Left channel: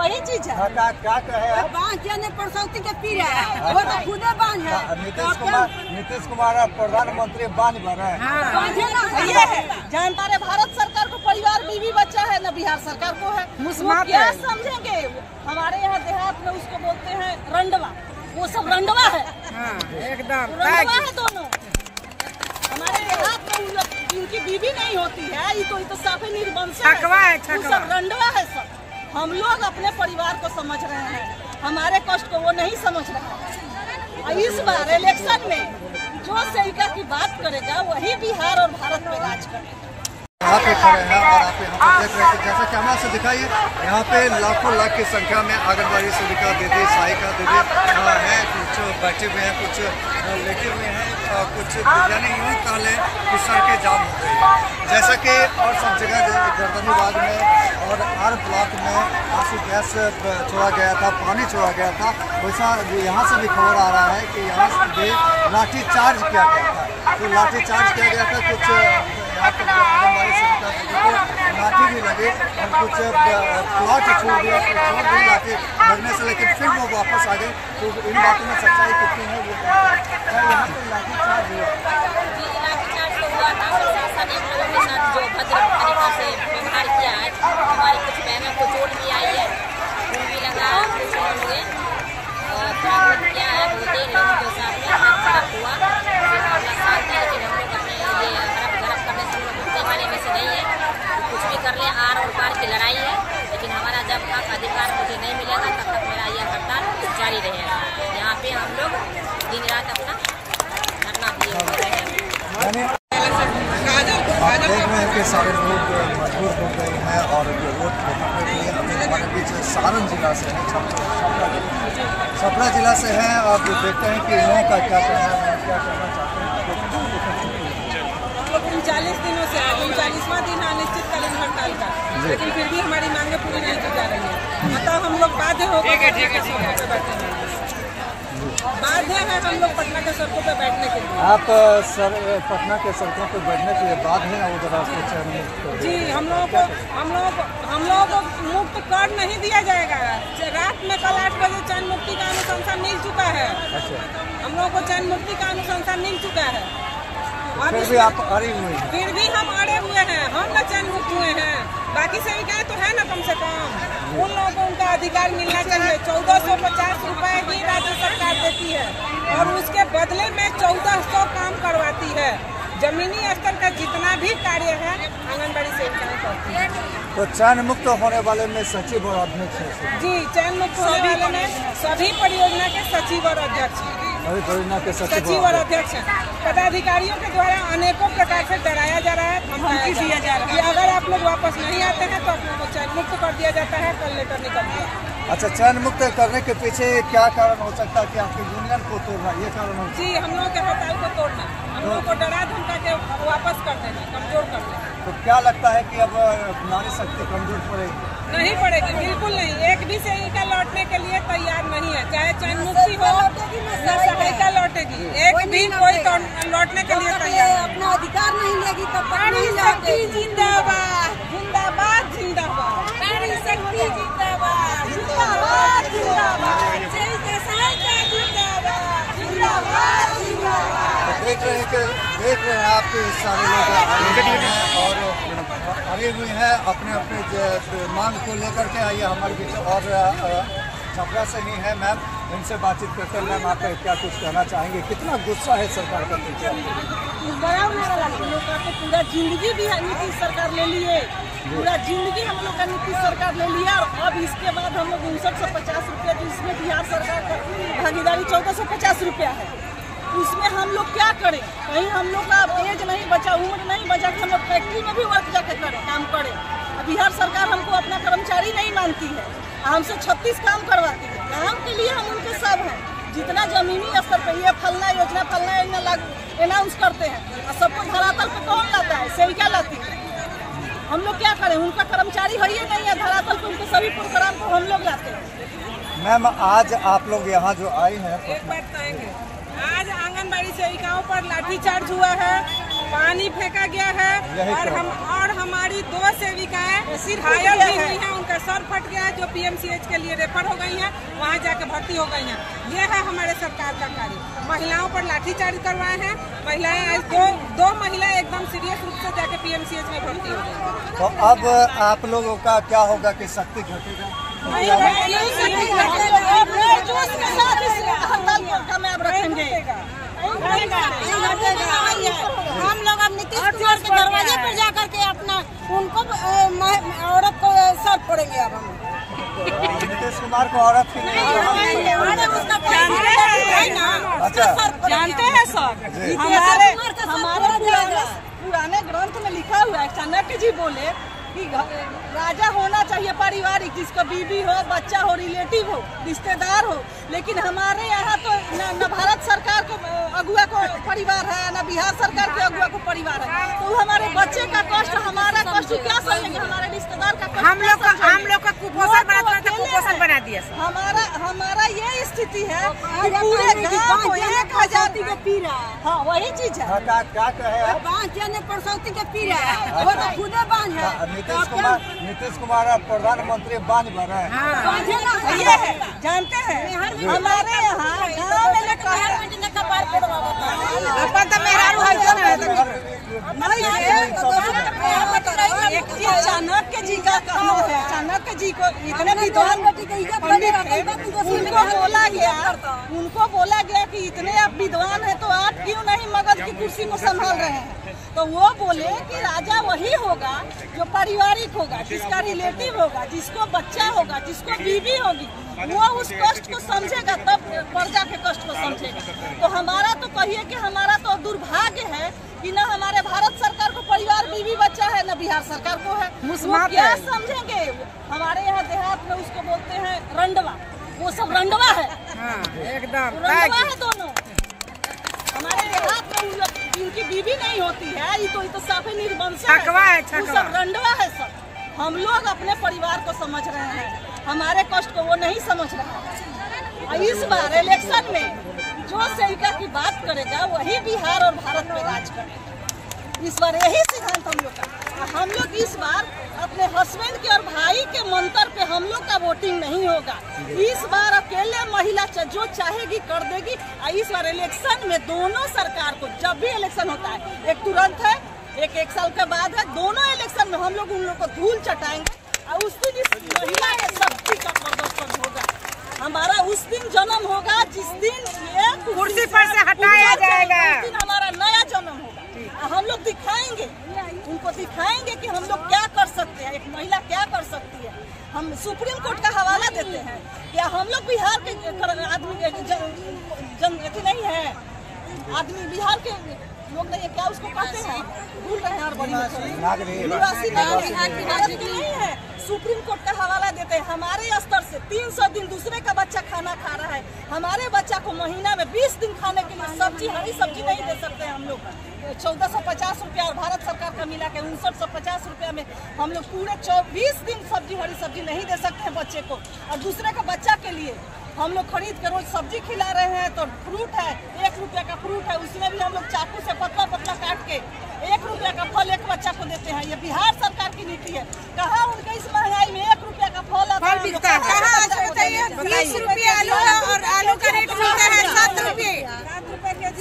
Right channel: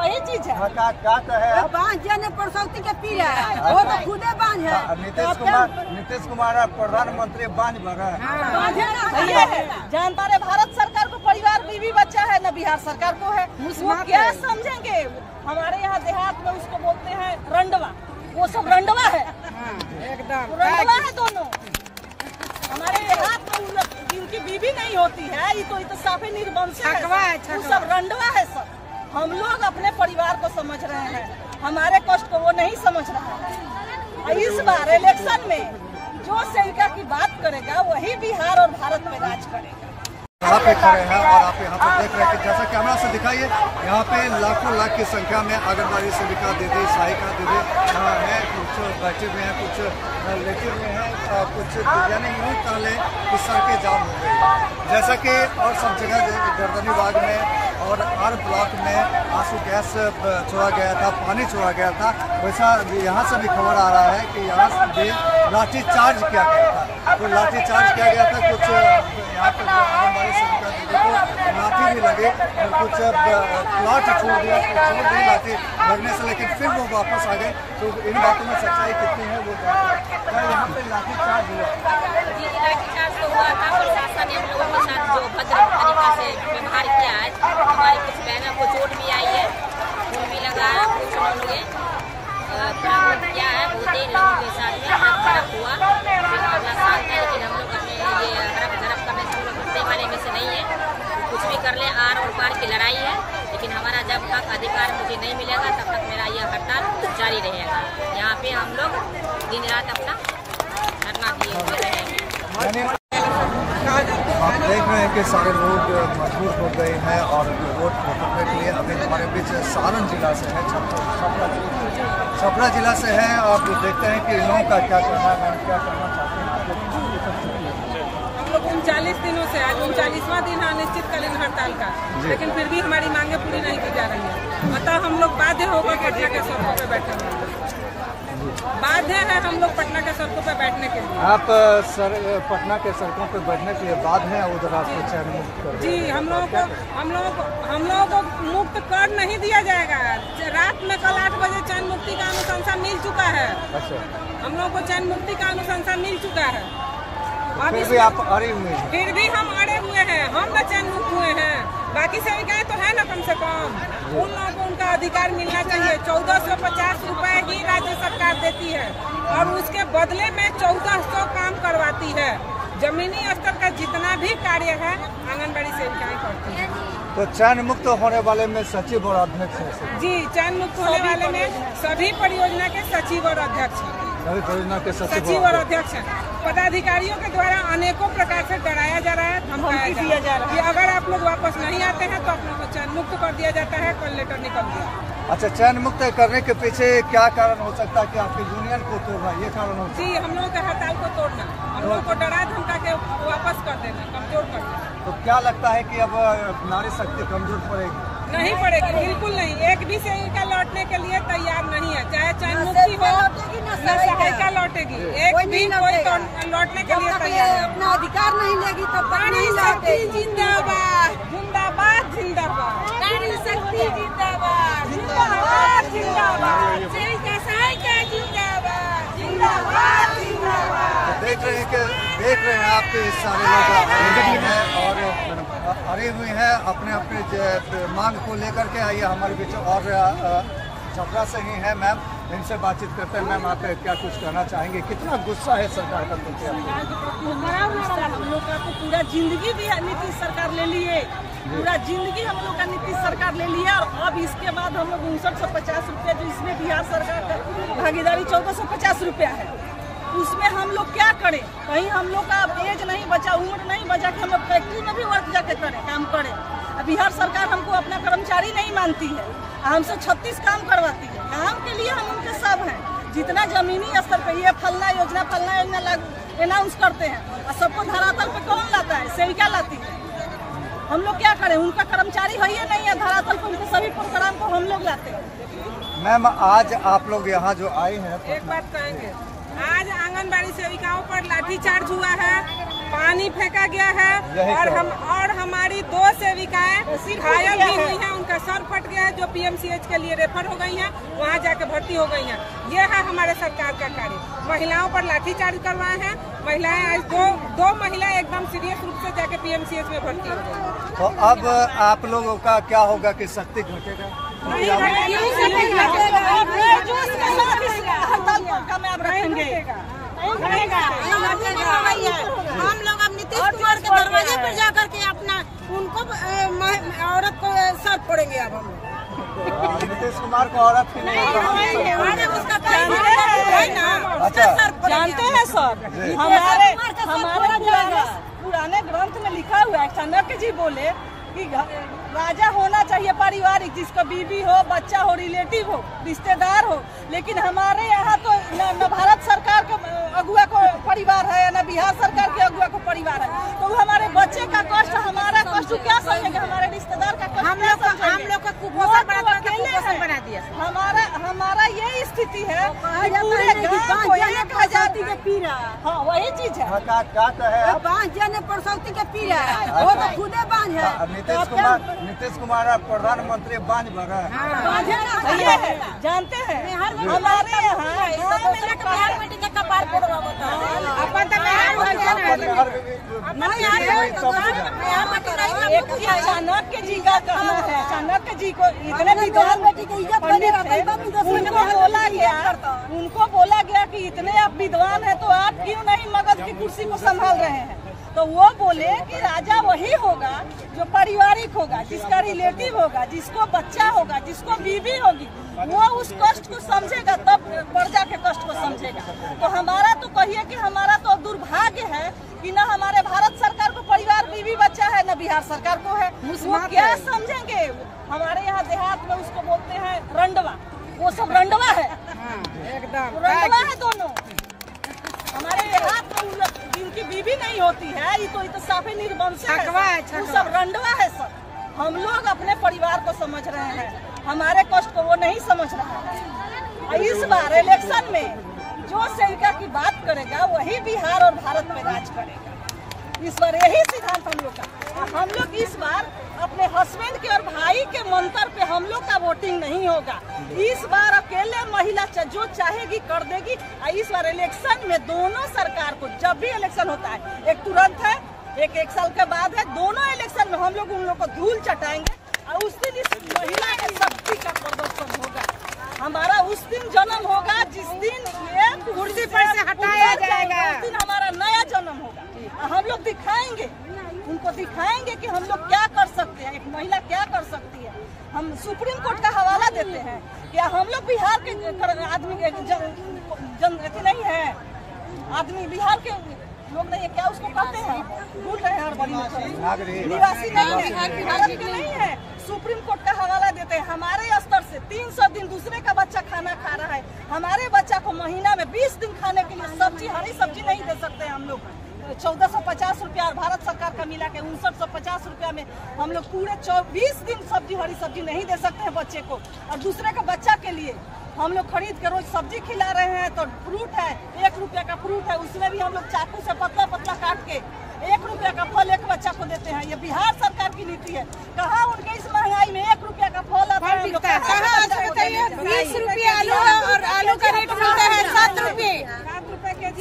वही चीज है। क्या कहे बांध जाने प्रसौती के पी रहा है, वो तो खुदे बांध है। नीतीश कुमार प्रधानमंत्री बांध भर जानता रहे भारत सरकार को परिवार बीवी बच्चा है न बिहार सरकार को है। वो क्या समझेंगे? हमारे यहाँ देहात में उसको बोलते हैं रंडवा, वो सब रंडवा है, एकदम रंडवा है दोनों। हमारे देहात में उनकी बीवी नहीं होती है, ये तो साफे निर्वंश है, वो सब रंडवा है सब। हम लोग अपने परिवार को समझ रहे हैं, हमारे कष्ट को वो नहीं समझ रहा है। इस बार इलेक्शन में जो सेविका की बात करेगा वही बिहार और भारत में राज करेगा। यहाँ पे खड़े हैं और आप यहाँ पे देख रहे हैं कि जैसा कैमरा से दिखाइए, यहाँ पे लाखों लाख की संख्या में आंगनबाड़ी सेविका दीदी, सहायिका दीदी है। कुछ बैठे हुए हैं, कुछ लेटे हुए हैं और कुछ यानी यूँ ताले कि सड़कें जाम हो गई। जैसा कि और सब जगह गर्दनीबाग में और आर ब्लॉक में आंसू गैस छोड़ा गया था, पानी छोड़ा गया था, वैसा यहाँ से भी खबर आ रहा है कि यहाँ से भी लाठी चार्ज किया गया था। तो लाठी चार्ज किया गया था, कुछ यहाँ पर आंगनबाड़ी सेविका दीदी को लाठी भी लगी और कुछ प्लॉट छोड़ दी लाठी लगने से, लेकिन फिर वो वापस आ गए। तो इन बातों में सच्चाई कितनी है वो क्या यहाँ पे लाठी चार्ज हुआ? जी, लाठी चार्ज तो हुआ था। प्रशासन ने हम लोगों के साथ जो भद्र तरीके से व्यवहार किया है, हमारी कुछ बहनों को चोट भी आई है, खून भी लगा है, कुछ उन्होंने थोड़ा बहुत किया है। बहुत ही लोगों के साथ में हाथ खराब हुआ, फिर मामला शांत है। लेकिन हम लोग अपने ये हड़प धड़प करने से हम लोग उठने वाले में से नहीं है। कुछ भी कर ले, आर और पार की लड़ाई है, लेकिन हमारा जब तक अधिकार मुझे नहीं मिलेगा तब तक मेरा यह हड़ताल जारी रहेगा। यहाँ पे हम लोग दिन रात अपना धरना दिए। आप देख रहे हैं कि सारे लोग मजबूर हो गए हैं और रोड पकड़ने के लिए अभी हमारे बीच सारण जिला से है, छपरा जिला से है। आप देखते हैं कि इन लोगों का क्या कहना है, क्या कहना चाहते हैं आप लोग। हम लोग 39 दिनों से आज 39वां दिन है अनिश्चितकालीन हड़ताल का, लेकिन फिर भी हमारी मांगे पूरी नहीं की जा रही है। मतलब हम लोग बाध्य होकर पटना के सड़कों पे बैठे हैं, बाध्य है हम लोग पटना के सड़कों पे बैठने के लिए। आप पटना के सड़कों पे बैठने के लिए बाध्य हैं उधर आपको चैन मुक्त कर? जी, हम लोगों को मुक्त कर नहीं दिया जाएगा। रात में कल 8 बजे चैन मुक्ति का अनुशंसा मिल चुका है। अच्छा, हम लोगों को चैन मुक्ति का अनुशंसा मिल चुका है। फिर भी आप अड़े हुए हैं? फिर भी हम अड़े हुए हैं, हम न चैन मुक्त हुए हैं। बाकी सेविकाएं तो है ना, कम से कम उन लोगों को उनका अधिकार मिलना चाहिए। 1450 रुपए ही राज्य सरकार देती है और उसके बदले में 1400 काम करवाती है। जमीनी स्तर का जितना भी कार्य है आंगनबाड़ी सेविकाएं करती है। तो चैन मुक्त होने वाले में सचिव और अध्यक्ष है? जी, चैन मुक्त होने वाले में सभी परियोजना के सचिव और अध्यक्ष हैं। सभी परियोजना के सचिव और अध्यक्ष हैं। पदाधिकारियों के द्वारा अनेकों प्रकार से डराया जा रहा है, धमकी दिया जा रहा है कि अगर आप लोग वापस नहीं आते हैं तो आप लोगों को चैन मुक्त कर दिया जाता है, कल लेटर निकल गया। अच्छा, चैन मुक्त करने के पीछे क्या कारण हो सकता है कि आपकी यूनियन को तोड़ना, ये कारण हो? जी, हम लोगों के हड़ताल को तोड़ना, हम लोगों को डरा धमका के वापस कर देना, कमजोर कर देना। तो क्या लगता है कि अब नारी शक्ति कमजोर पड़ेगी? नहीं पड़ेगी, बिल्कुल नहीं। एक भी सेविका लौटने के लिए तैयार नहीं है, चाहे चैन मुक्ति हो न सहायिका लौटेगी। एक भी कोई लौटने के लिए तैयार अपना अधिकार नहीं लेगी तब तक नहीं लौटेगी। जिंदाबाद जिंदाबाद जिंदाबाद, नारी शक्ति जिंदाबाद जिंदाबाद जिंदाबाद, सेविका सहायिका जिंदाबाद जिंदाबाद जिंदाबाद। देख रहे हैं आपके सारे लोग अड़े हुए हैं अपने अपने मांग को लेकर के। आइए हमारे बीच और छपरा से ही है मैम, इनसे बातचीत करते हैं। मैम, आप क्या कुछ कहना चाहेंगे? कितना गुस्सा है सरकार का? हम लोग का तो पूरा जिंदगी भी नीतीश सरकार ले लिए, पूरा जिंदगी हम लोग का नीतीश सरकार ले लिया। और अब इसके बाद हम लोग 5950 रुपया जो इसमें बिहार सरकार का भागीदारी 1450 रुपया है, उसमें हम लोग क्या करें? कहीं हम लोग का एज नहीं बचा, उम्र नहीं बचा कि हम लोग फैक्ट्री में भी वर्क जाके करें, काम करें। बिहार सरकार हमको अपना कर्मचारी नहीं मानती है, हमसे 36 काम करवाती है। काम के लिए हम उनके सब हैं। जितना जमीनी स्तर पे ये फलना योजना अनाउंस करते हैं और सबको धरातल पे कौन लाता है? सेविका लाती है। हम लोग क्या करें? उनका कर्मचारी है ही नहीं है, धरातल पे उनके सभी प्रोग्राम को हम लोग लाते हैं। मैम, आज आप लोग यहाँ जो आए हैं, एक बात कहेंगे, आज आंगनबाड़ी सेविकाओं पर लाठीचार्ज हुआ है, पानी फेंका गया है और हमारी 2 सेविकाएं घायल भी हुई हैं। उनका सर फट गया है, जो PMCH के लिए रेफर हो गई हैं, वहाँ जाके भर्ती हो गई हैं। ये है हमारे सरकार का कार्य। महिलाओं पर लाठीचार्ज करवाए हैं। महिलाएं दो महिलाएं एकदम सीरियस रूप से जाके PMCH में भर्ती हो गई। तो अब आप लोगों का क्या होगा कि शक्ति घटेगा? हम लोग अब नीतीश कुमार के दरवाजे पर जाकर के अपना उनको औरत को सर फोड़ेंगे। अब हम नीतीश कुमार को औरत की नहीं, उसका है ना। अच्छा, जानते हैं सर, हमारे पुराने ग्रंथ में लिखा हुआ है, चाणक्य जी बोले कि राजा होना चाहिए पारिवारिक, जिसका बीवी हो, बच्चा हो, रिलेटिव हो, रिश्तेदार हो। लेकिन हमारे यहाँ तो न भारत सरकार के अगुआ को परिवार है, न बिहार सरकार के अगुआ को परिवार है। तो हमारे बच्चे का कष्ट, हमारा कष्ट क्या समझेंगे? हमारे रिश्तेदार का कष्ट हम लोग का कुपोषण बना दिया। हमारा ये स्थिति है, पूरे गाँव को एक आजादी के पी रहा है। हाँ, वही चीज है। क्या बांझ जाने परसौती के पी रहा है, वो तो खुदे बांझ है। नीतीश कुमार प्रधानमंत्री बांझ भर है। जानते हैं हमारे चाणक्य जी का कहना है, चाणक्य जी को इतने विद्वान उनको बोला गया कि इतने आप विद्वान हैं तो आप क्यों नहीं मगध की कुर्सी को संभाल रहे हैं? तो वो बोले कि राजा वही होगा जो पारिवारिक होगा, जिसका रिलेटिव होगा, जिसको बच्चा होगा, जिसको बीवी होगी, वो उस कष्ट को समझेगा, तब प्रजा के कष्ट को समझेगा। तो हमारा तो कहिए कि हमारा तो दुर्भाग्य है कि न हमारे भारत सरकार को परिवार, बीवी, बच्चा है, न बिहार सरकार को है। वो क्या समझेंगे? हमारे यहाँ देहात में उसको बोलते हैं रंडवा, वो सब रंडवा है, एकदम रंडवा है दोनों। हमारे देहात में जिनकी बीवी नहीं होती है, ये तो साफे निर्वंश है, वो सब रंडवा है सब। हम लोग अपने परिवार को समझ रहे हैं, हमारे कष्ट को वो नहीं समझ रहा है। इस बार इलेक्शन में जो सेविका की बात करेगा वही बिहार और भारत में राज करेगा। इस बार यही सिद्धांत हम लोग का। हम लोग इस बार अपने हस्बैंड के और भाई के मंत्र पे हम लोग का वोटिंग नहीं होगा। इस बार अकेले महिला जो चाहेगी कर देगी। इस बार इलेक्शन में दोनों सरकार को, जब भी इलेक्शन होता है, एक तुरंत है, एक साल के बाद है, दोनों इलेक्शन में हम लोग उन लोग को धूल चटाएंगे और उस दिन इस महिला के शक्ति का प्रदर्शन होगा। हमारा उस दिन जन्म होगा जिस दिन ये कुर्सी पर से हटाया जाएगा, उस दिन हमारा नया जन्म होगा। हम लोग दिखाएंगे, उनको दिखाएंगे कि हम लोग क्या कर सकते हैं, एक महिला क्या कर सकती है। हम सुप्रीम कोर्ट का हवाला देते हैं। क्या हम लोग बिहार के आदमी नहीं है? आदमी बिहार के लोग नहीं है क्या? उसको कहते हैं, भूल रहे हैं, बड़ी निवासी नहीं है, भारत के नहीं है। सुप्रीम कोर्ट का हवाला देते हैं। हमारे स्तर से 300 दिन दूसरे का बच्चा खाना खा रहा है, हमारे बच्चा को महीना में 20 दिन खाने के लिए सब्जी, हरी सब्जी नहीं दे सकते हैं हम लोग। 1450 रुपया और भारत सरकार का मिला के 5950 रुपया में हम लोग पूरे 20 दिन सब्जी, हरी सब्जी नहीं दे सकते हैं बच्चे को। और दूसरे का बच्चा के लिए हम लोग खरीद के रोज सब्जी खिला रहे हैं। तो फ्रूट है, 1 रुपया का फ्रूट है, उसमें भी हम लोग चाकू से पतला पतला काट के 1 रुपया का फल एक बच्चा को देते हैं। ये बिहार सरकार की नीति है। कहाँ उनके इस महंगाई में 1 रुपया का फल आता है? 20 रुपये आलू का रेट मिलता है 7 रुपये।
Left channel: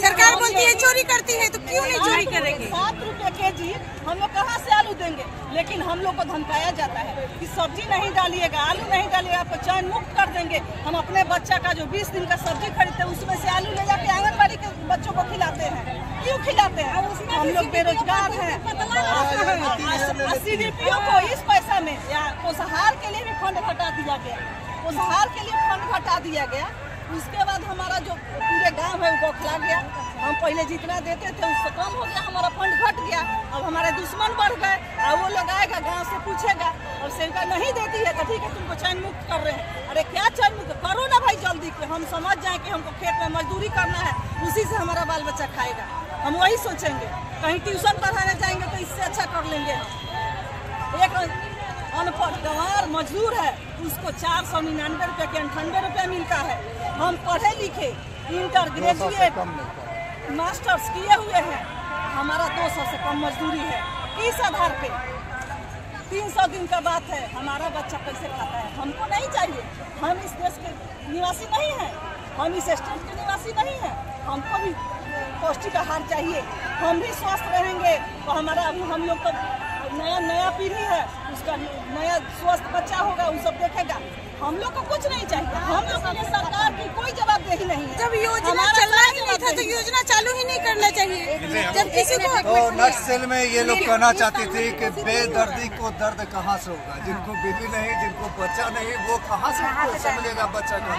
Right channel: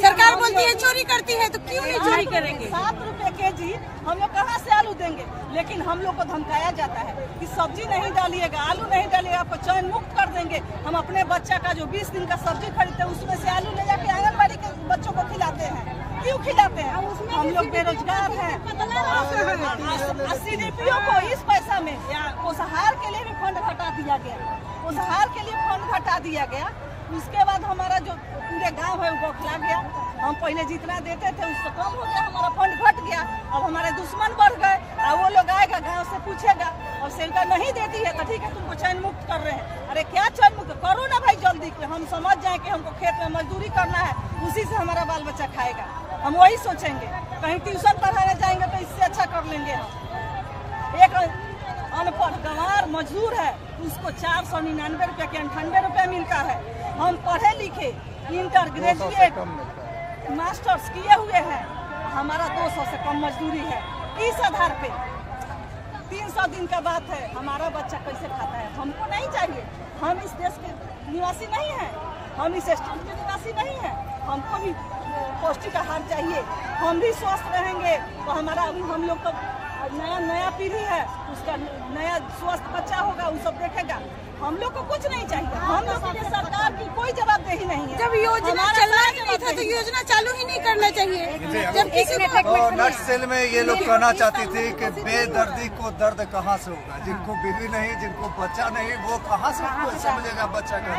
सरकार बोलती है चोरी करती है, तो क्यों नहीं चोरी करेंगे? 7 रुपये केजी हम लोग कहाँ से आलू देंगे? लेकिन हम लोग को धमकाया जाता है कि सब्जी नहीं डालिएगा, आलू नहीं डालिएगा, आपको चयन मुक्त कर देंगे। हम अपने बच्चा का जो 20 दिन का सब्जी खरीदते हैं उसमें से आलू ले जाके आंगनबाड़ी के बच्चों को खिलाते हैं। क्यों खिलाते हैं? हम लोग बेरोजगार हैं। CDPO को इस पैसा में पोषाहार के लिए भी फंड घटा दिया गया, पोषाहार के लिए फंड घटा दिया गया। उसके बाद हमारा जो पूरे गांव है वो बौखला गया। हम पहले जितना देते थे उससे कम हो गया, हमारा फंड घट गया। अब हमारे दुश्मन बढ़ गए और वो लोग आएगा गांव से पूछेगा और सेविका नहीं देती है तो ठीक है तुमको चयन मुक्त कर रहे हैं। अरे क्या चयन मुक्त करो ना भाई जल्दी, हम समझ जाए कि हमको खेत में मजदूरी करना है, उसी से हमारा बाल बच्चा खाएगा। हम वही सोचेंगे। कहीं ट्यूशन पढ़ाने जाएंगे तो इससे अच्छा कर लेंगे हम। एक अनपढ़ गंवार मजदूर है, उसको 499 रुपये के 98 रुपये मिलता है। हम पढ़े लिखे, इंटर ग्रेजुएट, मास्टर्स किए हुए हैं, हमारा 200 से कम मजदूरी है। इस आधार पे 300 दिन का बात है, हमारा बच्चा कैसे खाता है? हमको नहीं चाहिए। हम इस देश के निवासी नहीं हैं, हम इस स्टेट के निवासी नहीं हैं। हमको भी पौष्टिक आहार चाहिए, हम भी स्वस्थ रहेंगे तो हमारा हम लोग का नया पीढ़ी है, उसका नया स्वस्थ बच्चा होगा, वो सब देखेगा। हम लोग को कुछ नहीं चाहिए। हम लोग के लिए सरकार की कोई जवाबदेही नहीं है। जब योजना चलना ही नहीं था तो योजना चालू ही नहीं करना चाहिए। जब किसी ने तो नक्सल में ये लोग कहना चाहती थी कि बेदर्दी को दर्द कहाँ से होगा? जिनको बीवी नहीं, जिनको बच्चा नहीं, वो कहाँ से समझेगा बच्चा का?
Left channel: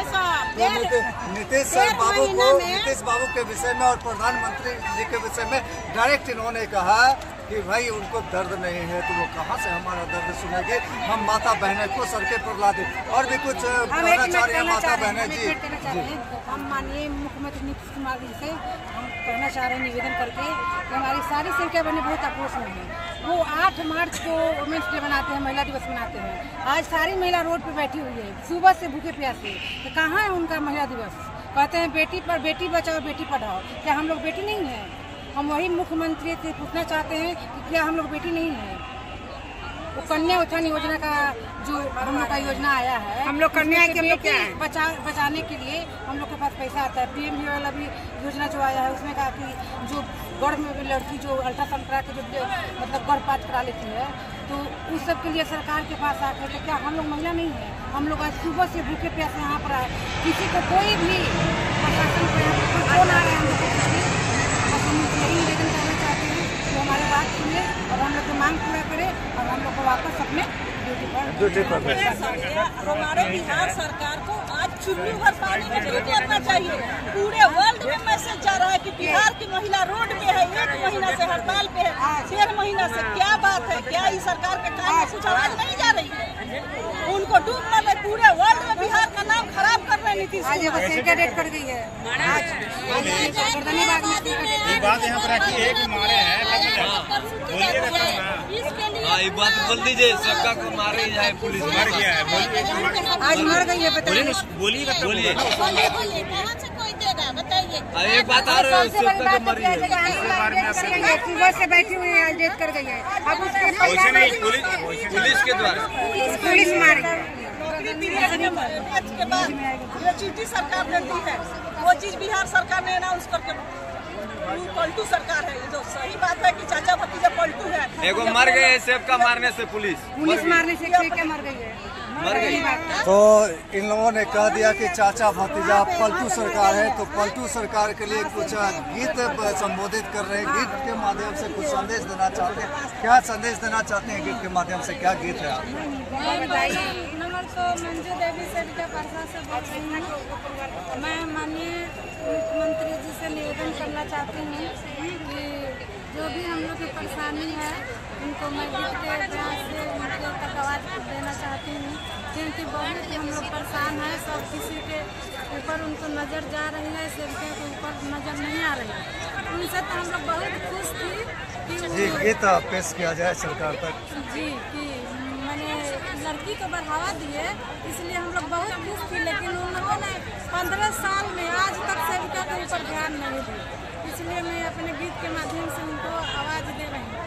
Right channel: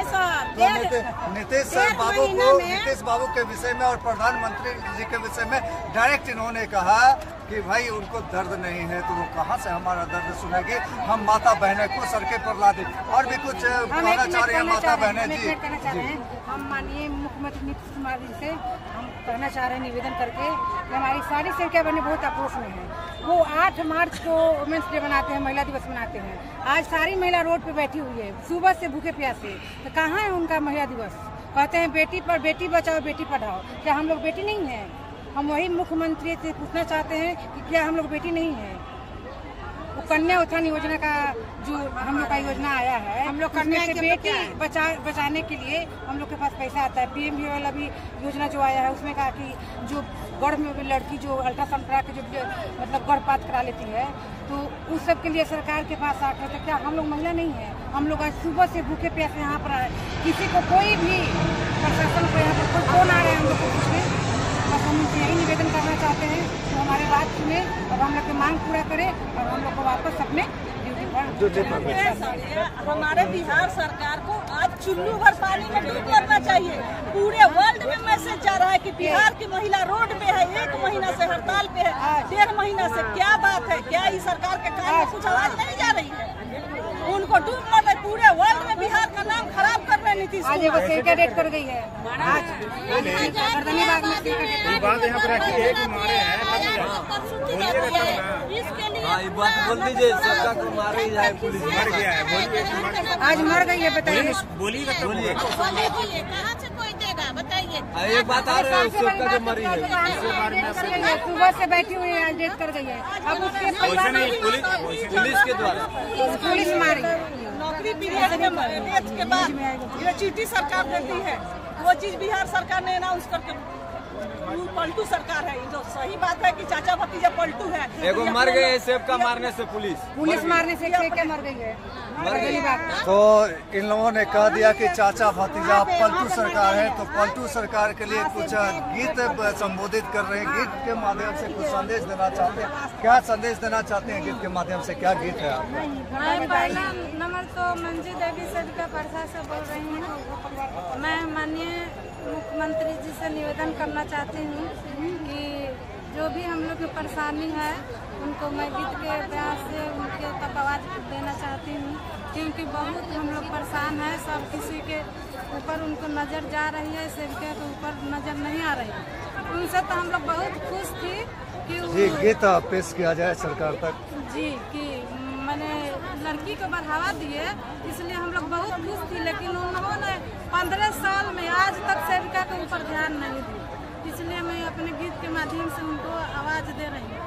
तो नीतीश बाबू के विषय में और प्रधानमंत्री जी के विषय में डायरेक्ट इन्होंने कहा कि भाई उनको दर्द नहीं है तो वो कहाँ से हमारा दर्द सुनेगी? हम माता बहनें को सड़के पर ला दें। और भी कुछ कहना चाह रही हैं माता बहनें जी? हम माननीय मुख्यमंत्री नीतीश कुमार जी से हम कहना चाह रहे हैं निवेदन करके कि हमारी सारी सेविका बहनें बहुत आक्रोश में हैं। वो 8 मार्च को वुमेन्स डे मनाते हैं, महिला दिवस मनाते हैं। आज सारी महिला रोड पे बैठी हुई है सुबह से भूखे प्यासे। तो कहाँ है उनका महिला दिवस? कहते हैं बेटी पर बेटी बचाओ बेटी पढ़ाओ। क्या हम लोग बेटी नहीं है? हम वही मुख्यमंत्री से पूछना चाहते हैं कि क्या हम लोग बेटी नहीं है? वो कन्या उत्थान योजना का जो हम लोग का योजना आया है, हम लोग कन्या के बेटी बचाने के लिए हम लोग के पास पैसा आता है। पीएम वाला भी योजना जो आया है उसमें कहा कि जो गर्भ में लड़की जो अल्ट्रासाउंड करा के जो मतलब गर्भपात करा लेती है तो उस सब के लिए सरकार के पास आते हैं। तो क्या हम लोग महिला नहीं है? हम लोग आज सुबह से भूखे प्यासे यहाँ पर आए, किसी को कोई भी प्रशासन पे कोई फोन आ रहा है हम लोग को हम यही निवेदन करना चाहते हैं कि हमारी बात सुने और हम लोग की मांग पूरा करें और हम लोग को वापस अपने ड्यूटी पर। हमारे बिहार सरकार को आज चुल्लू भर पानी में डूब मरना चाहिए। पूरे वर्ल्ड में मैसेज जा रहा है कि बिहार की महिला रोड पे है, 1 महीना से हड़ताल पे है, 1.5 महीना से। क्या बात है? क्या इस सरकार के काम में कुछ आवाज नहीं जा रही है? उनको डूबना है। पूरे वर्ल्ड में बिहार का नाम खराब कर रहे हैं नीतीश कुमार। आज सेक्रेट डेट कर गई है इसके बात बोल दीजिए, सबका को मारे जाए, पुलिस मर गया है। आज मर गई है, बताइए। बोलिए कहाँ से कोई देगा बताइए? एक बात आ रही है, सुबह से बैठी हुई है, आज डेट कर गई है। अब उसके पुलिस के द्वारा पुलिस मारी नौकरी पीरियड के बाद ग्रेच्युटी सरकार देती है, वो चीज बिहार सरकार ने अनाउंस करके पलटू सरकार है। जो सही बात है कि चाचा भतीजा पलटू है। एगो मर गए सेब का मारने से, पुलिस मारने से मर गई है। तो इन लोगों ने कह दिया कि चाचा भतीजा पलटू सरकार है। तो पलटू सरकार के लिए कुछ गीत संबोधित कर रहे हैं, गीत के माध्यम से कुछ संदेश देना चाहते हैं। क्या संदेश देना चाहते हैं गीत के माध्यम से? क्या गीत है? मैं पहला नंबर तो मंजू देवी सरिता परसा से बोल रही हूँ। मैं माननीय मुख्यमंत्री जी से निवेदन करना चाहती हूँ कि जो भी हम लोग की परेशानी है उनको मैं गीत के प्रयास से उनके तक आवाज़ देना चाहती हूँ, क्योंकि बहुत हम लोग परेशान हैं। सब किसी के ऊपर उनको नज़र जा रही है, सेविका के ऊपर नज़र नहीं आ रही है। उनसे तो हम लोग बहुत खुश थी कि जी गीत पेश किया जाए सरकार तक जी कि मैंने लड़की को बढ़ावा दिए, इसलिए हम लोग बहुत खुश थी। लेकिन उन्होंने 15 साल में आज तक सेविका के ऊपर ध्यान नहीं दिया, इसलिए मैं अपने गीत के माध्यम से उनको आवाज़ दे रही हूँ।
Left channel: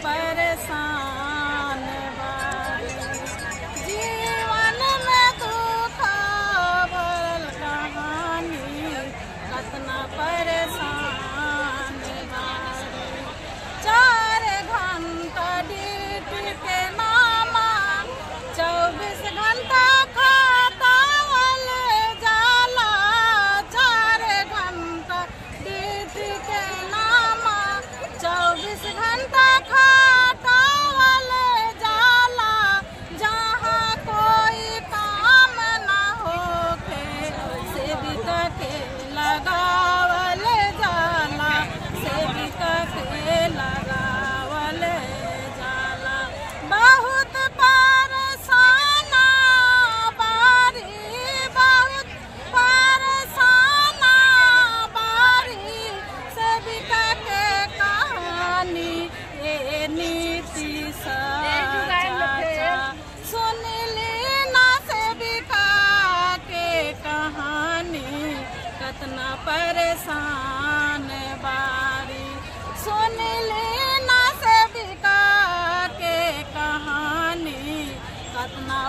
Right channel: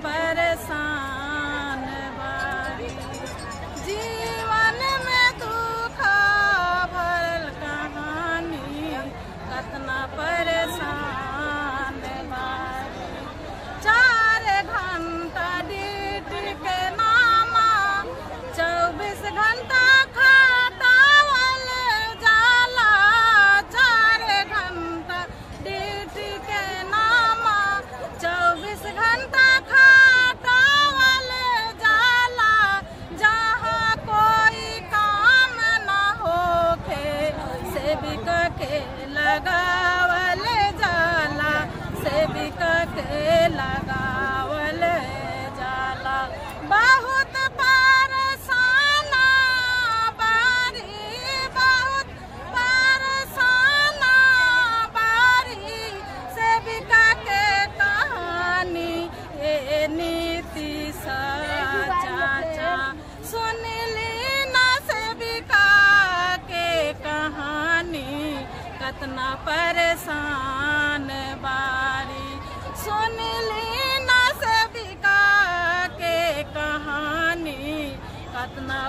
परेशान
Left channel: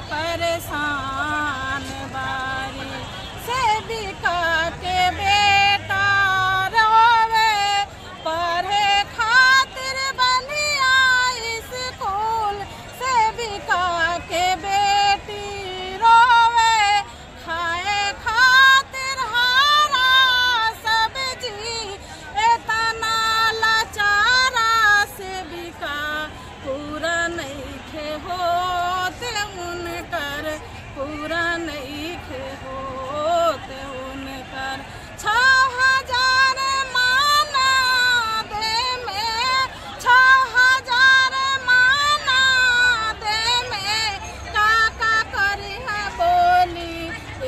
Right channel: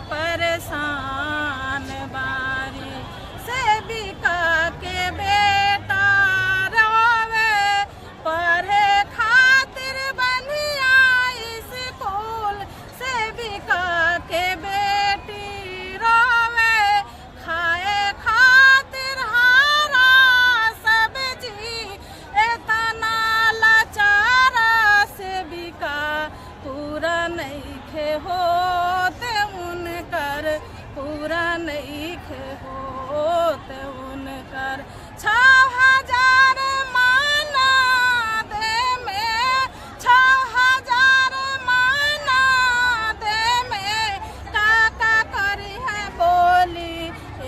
परेशान बारी। सेविका के बेटा रोवे पढ़े खातिर बंधिया स्कूल। सेविका के बेटी रोवे खाए खातिर हरा सब्जी। एतना लाचारा सेविका पूरा नइखे होत उनकर, पूरा नइखे होत उनकर। 6,000 माना दे में, 6,000 माना दे में का करी है बोली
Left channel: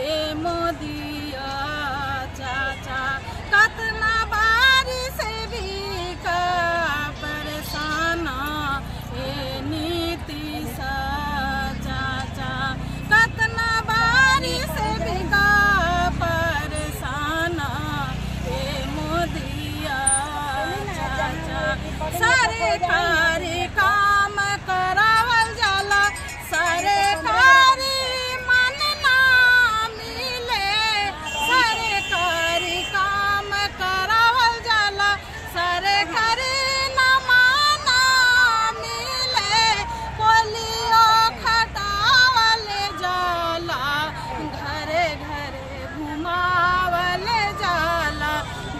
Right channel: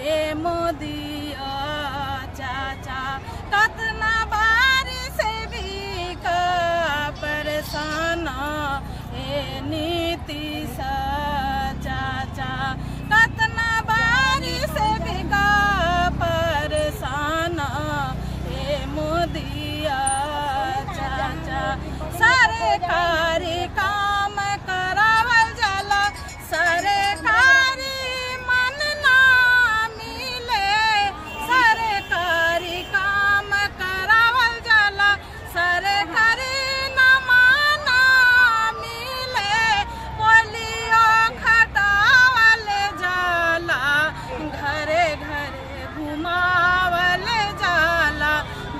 ए मोदिया चाचा। कतना बारी सेविका परेशाना ए नीतीश चाचा। कतना बारी सेविका परेशाना ए मोदिया चाचा। सरकारी काम करावल जाला, सरकारी मन ना मिले। सरकारी काम करावल जाला, सरकारी ना माना मिले। पोलियो खटावल जाला, घरे घरे घुमावल जाला,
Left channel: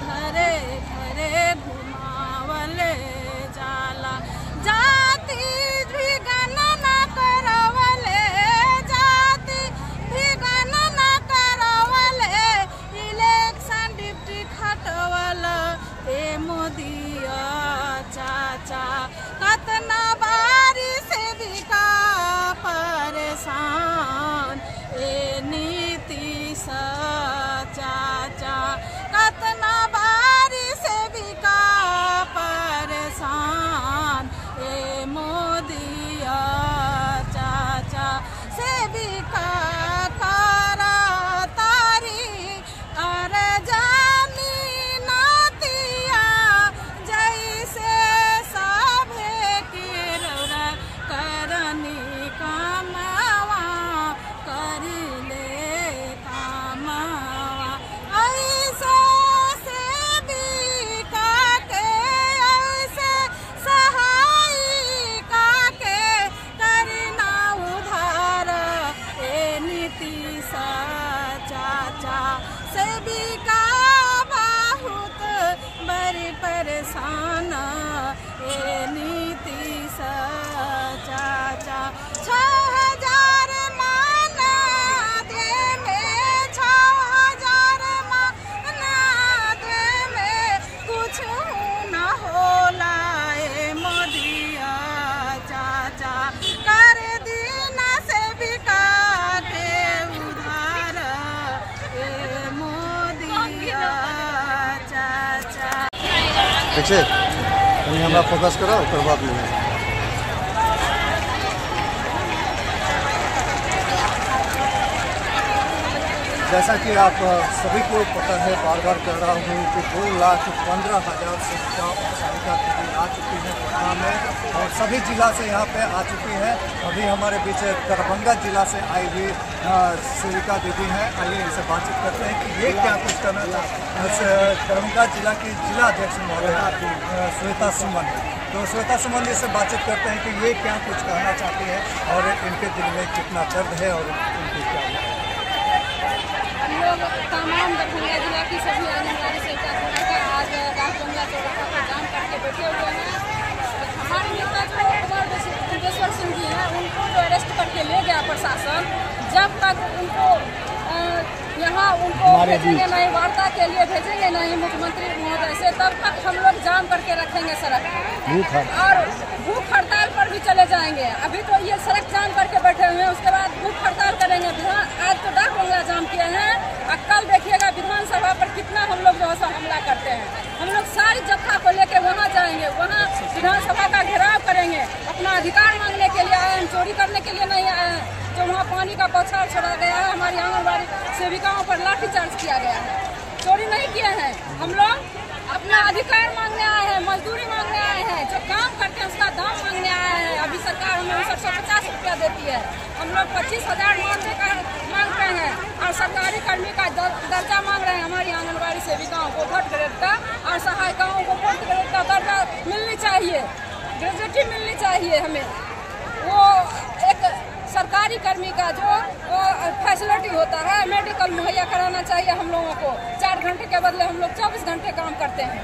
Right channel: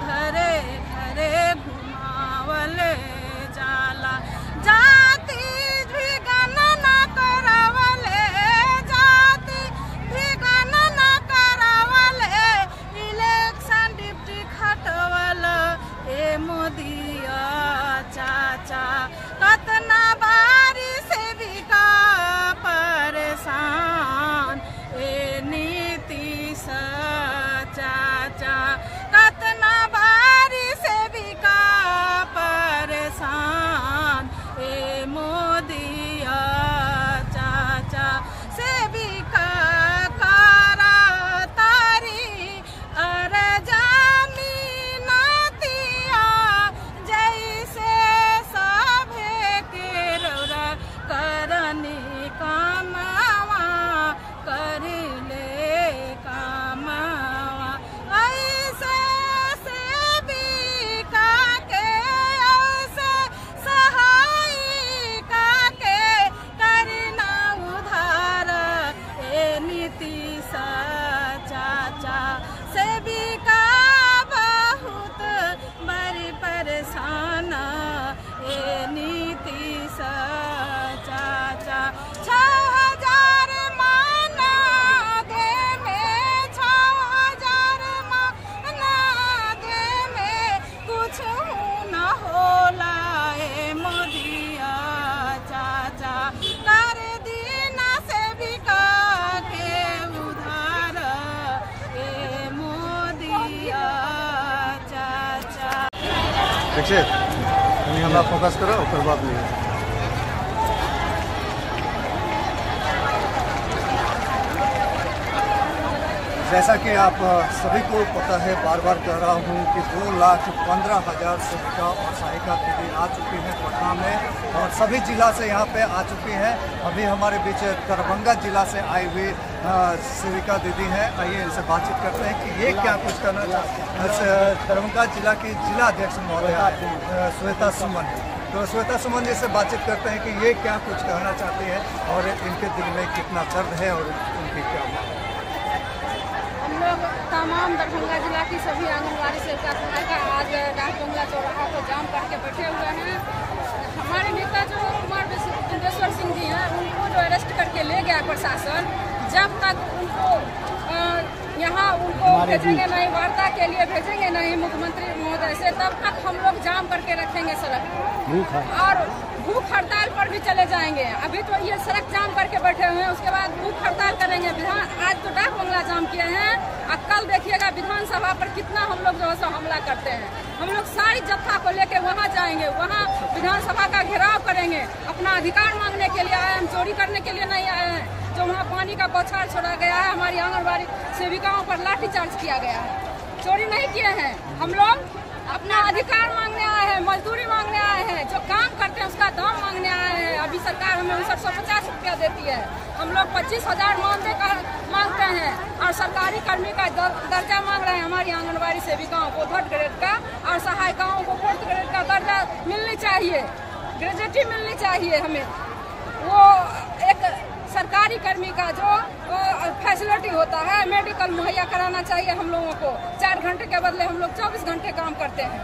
घरे घरे घुमावल जाला। जाति भी गणना करावले, जाति भी गणना करावले। इलेक्शन डिप्टी खटवल ए मोदिया चाचा। कतना बारी सेविका परेशान ए नीतीश चाचा। कतना बारी सेविका परेशान ए मोदिया चाचा। सेविका करा तारी अरे जमीनतिया, जैसे सभे के रौरा करनी कामवा करिले कामवा। ऐसे सेविका के, ऐसे सहायिका के करना उधार ए नीतीश चाचा। सेविका बहुत बड़ी परेशान ए नीतीश चाचा। 6,000 माना दे में, 6,000 माना दे में कुछ न होला ए मोदिया चाचा। कर दीना सेविका के उधार ए मोदिया चाचा। ठीक है, हमरा फोकस करो, कोई बात नहीं है। जैसा कि आप सभी को पता है, बार बार कह रहा हूँ कि 2,15,000 सेविका और सहायिका दीदी आ चुकी हैं पटना में और सभी जिला से यहाँ पे आ चुकी हैं। अभी हमारे बीच दरभंगा जिला से आई हुई सेविका दीदी हैं। आइए इनसे बातचीत करते हैं कि ये क्या कुछ करना चाहते हैं। दरभंगा जिला की जिला अध्यक्ष महोदय श्वेता सुमन, तो श्वेता सुमन जी से बातचीत करते हैं कि ये क्या कुछ कहना चाहती है और इनके दिल में कितना दर्द है और उनकी क्या हम लोग तमाम दरभंगा जिला की सभी आंगनबाड़ी सेविका सहायिका आज डाक बंगला चौराहा पर जाम करके बैठे हुए हैं। हमारे नेता जो कुमार बिंदेश्वर सिंह जी हैं, उनको जो अरेस्ट करके ले गया प्रशासन, जब तक उनको यहाँ उनको भेजेंगे नहीं, वार्ता के लिए भेजेंगे नहीं मुख्यमंत्री महोदय से, तब तक हम लोग जाम करके रखेंगे सड़क और भूख हड़ताल पर भी चले जाएंगे। अभी तो ये सड़क जाम करके बैठे हुए हैं, उसके बाद भूख हड़ताल करेंगे। आज तो डाक बंगला जाम किए हैं और कल देखिएगा विधानसभा पर कितना हम लोग जो है हमला करते हैं। हम लोग सारी जत्था को लेके वहाँ जाएंगे, वहाँ विधानसभा का घेराव करेंगे। अपना अधिकार मांगने के लिए आए हैं, चोरी करने के लिए नहीं आए हैं। जो वहाँ पानी का बौछार छोड़ा गया है, हमारी आंगनबाड़ी सेविकाओं पर लाठीचार्ज किया गया है। चोरी नहीं किए हैं हम लोग, अपना अधिकार मांगने आए हैं, मजदूरी मांगने आए हैं, जो काम करते हैं उसका दाम मांगने आए हैं। अभी सरकार हमें 5950 रुपया देती है, हम लोग 25,000 मांगते हैं और सरकारी कर्मी का दर्जा मांग रहे हैं। हमारी आंगनबाड़ी सेविकाओं को 3rd ग्रेड का और सहायिकाओं को 4th ग्रेड का दर्जा मिलनी चाहिए, ग्रेजुएटी मिलनी चाहिए। हमें वो एक सरकारी कर्मी का जो फैसिलिटी होता है, मेडिकल मुहैया कराना चाहिए हम लोगों को। 4 घंटे के बदले हम लोग 24 घंटे काम करते हैं,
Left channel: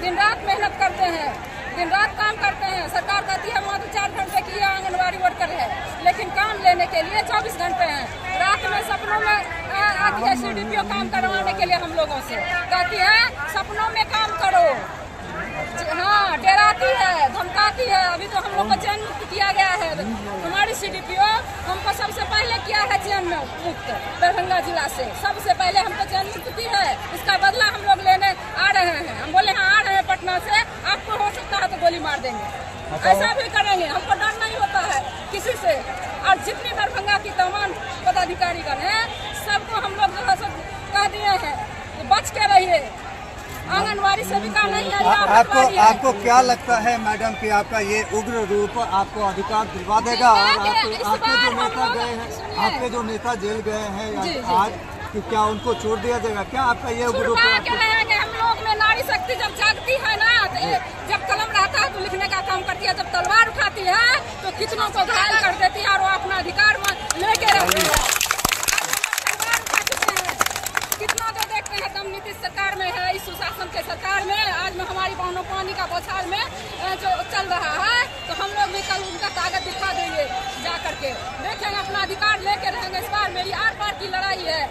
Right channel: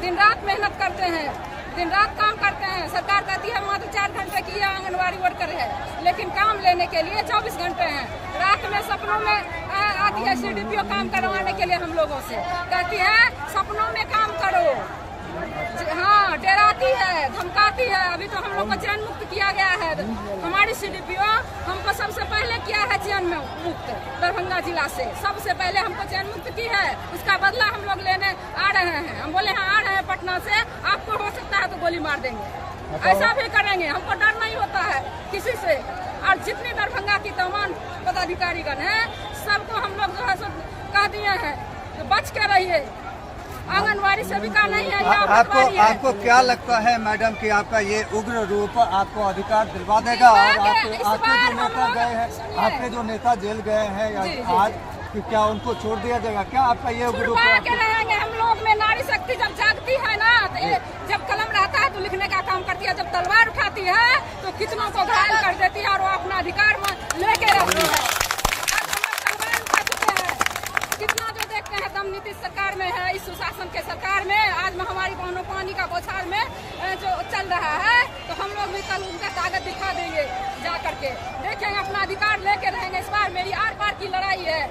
दिन रात मेहनत करते हैं, दिन रात काम करते हैं। सरकार कहती है मात्र 4 घंटे की आंगनबाड़ी वर्कर है, लेकिन काम लेने के लिए 24 घंटे हैं। रात में सपनों में आती है CDPO काम करवाने के लिए हम लोगों से, कहती है सपनों में काम करो। हाँ, डराती है, धमकाती है। अभी तो हम लोग को चैन मुक्त किया गया है। हमारी CDPO हमको सबसे पहले किया है चैन में मुक्त, दरभंगा जिला से सबसे पहले हमको चैन मुक्त की है। उसका बदला हम लोग लेने आ रहे हैं। हम बोले हाँ आ रहे हैं पटना से, आपको हो सकता है तो गोली मार देंगे, ऐसा भी करेंगे। हमको डर नहीं होता है किसी से। और जितनी दरभंगा की तमाम पदाधिकारीगण है, सबको हम लोग जो है सो कह दिए हैं तो बच के रहिए। आंगनबाड़ी सेविका नहीं है, आपको क्या लगता है मैडम कि आपका ये उग्र रूप आपको अधिकार दिलवा देगा? और आपके जो नेता गए हैं, आपके जो नेता जेल गए हैं आज, कि क्या उनको छोड़ दिया जाएगा? क्या आपका ये उग्र रूप रहेंगे? हम लोग में नारी शक्ति जब जागती है ना, तो जब कलम रहता है तो लिखने का काम करती है, जब तलवार उठाती है तो कितनों को घायल कर देती है और वो अपना अधिकार लेके रहती है। कितना जो देखते हैं दम नीतीश सरकार में है, इस सुशासन के सरकार में। आज में हमारी बहनों पानी का बौछार में जो चल रहा है, तो हम लोग भी कल उनका ताकत दिखा देंगे, जा करके देखेंगे, अपना अधिकार लेके रहेंगे। इस बार मेरी आर पार की लड़ाई है,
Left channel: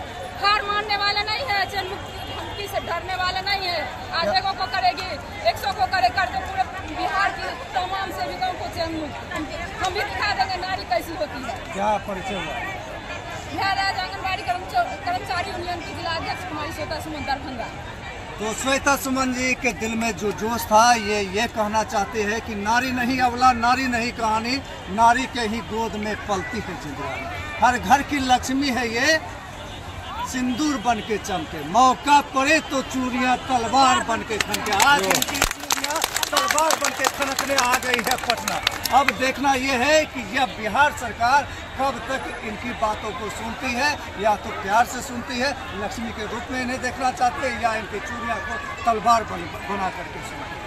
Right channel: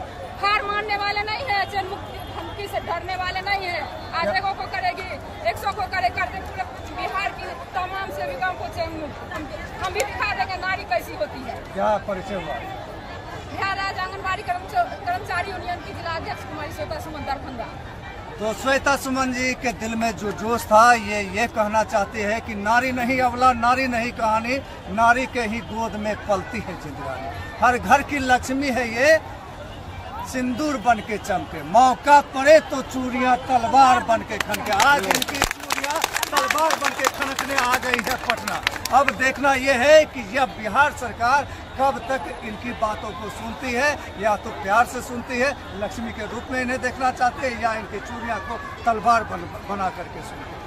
हार मानने वाले नहीं है, चैन मुक्ति धमकी से डरने वाले नहीं है। आज 100 को करेगी, 100 को करते पूरे बिहार की तमाम सेविकाओं को चैन मुक्त हम भी दिखा देंगे नारी कैसी होती है। क्या परिचय हुआ? बिहार राज्य आंगनबाड़ी कर्मचारी यूनियन की जिला अध्यक्ष कुमारी श्वेता सुमन, दरभंगा। तो श्वेता सुमन जी के दिल में जो जोश था, ये कहना चाहते हैं कि नारी नहीं अबला, नारी नहीं कहानी, नारी के ही गोद में पलती है जिंदगानी। हर घर की लक्ष्मी है ये, सिंदूर बन के चमके, मौका पड़े तो चूड़ियां तलवार बन के खनके। आज इनकी चूड़ियां तलवार बन के खनकने आ गई है पटना। अब देखना यह है कि यह बिहार सरकार कब तक इनकी बातों को सुनती है, या तो प्यार से सुनती है, लक्ष्मी के रूप में इन्हें देखना चाहते हैं, या इनकी चूड़ियां को तलवार बना करके सुनती है।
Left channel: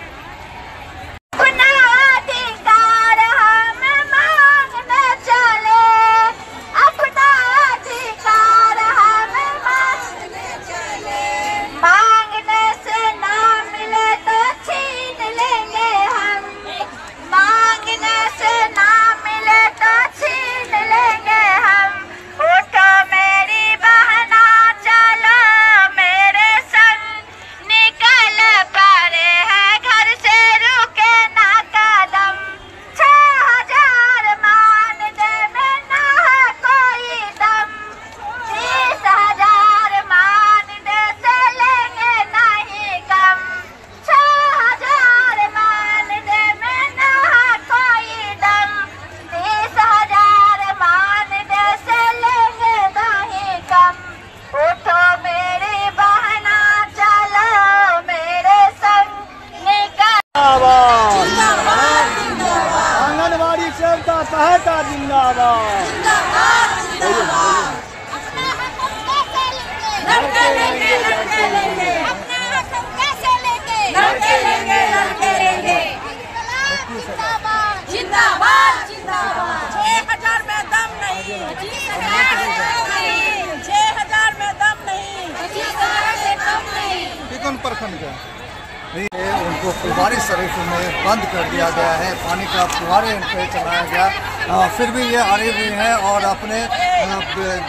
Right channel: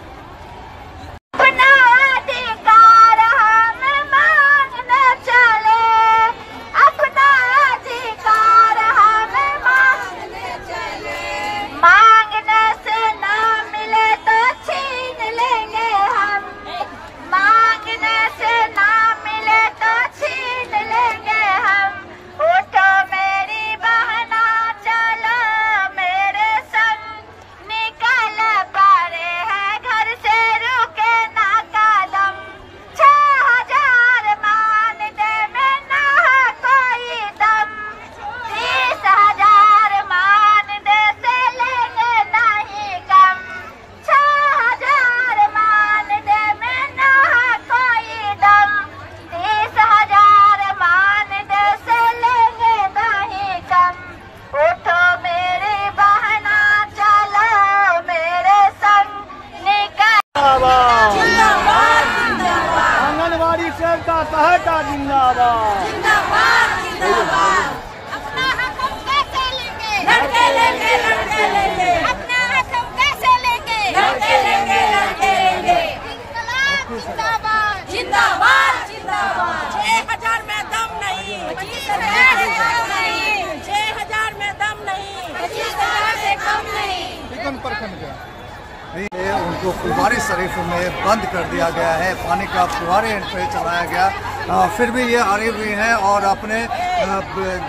उनको फुलवारी शरीफ में बंद कर दिया गया है, पानी का फुहारे इन पर चलाया गया। फिर भी ये अड़े हुए हैं और अपने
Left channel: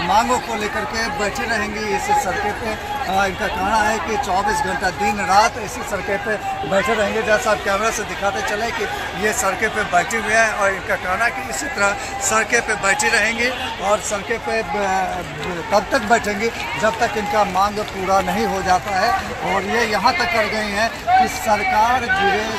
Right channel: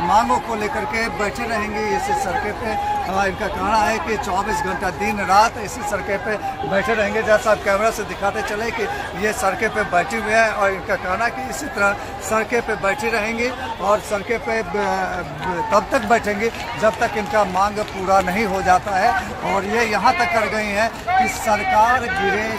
मांगों को लेकर के बैठे रहेंगे इसी सड़के पे। इनका कहना है कि 24 घंटा दिन रात इसी सड़के पे बैठे रहेंगे। जैसा आप कैमरा से दिखाते चले कि ये सड़के पे बैठे हुए हैं और इनका कहना है कि इसी तरह सड़के पे बैठे रहेंगे और सड़के पे तब तक बैठेंगे जब तक इनका मांग पूरा नहीं हो जाता है। और ये यहाँ तक कर गई हैं कि सरकार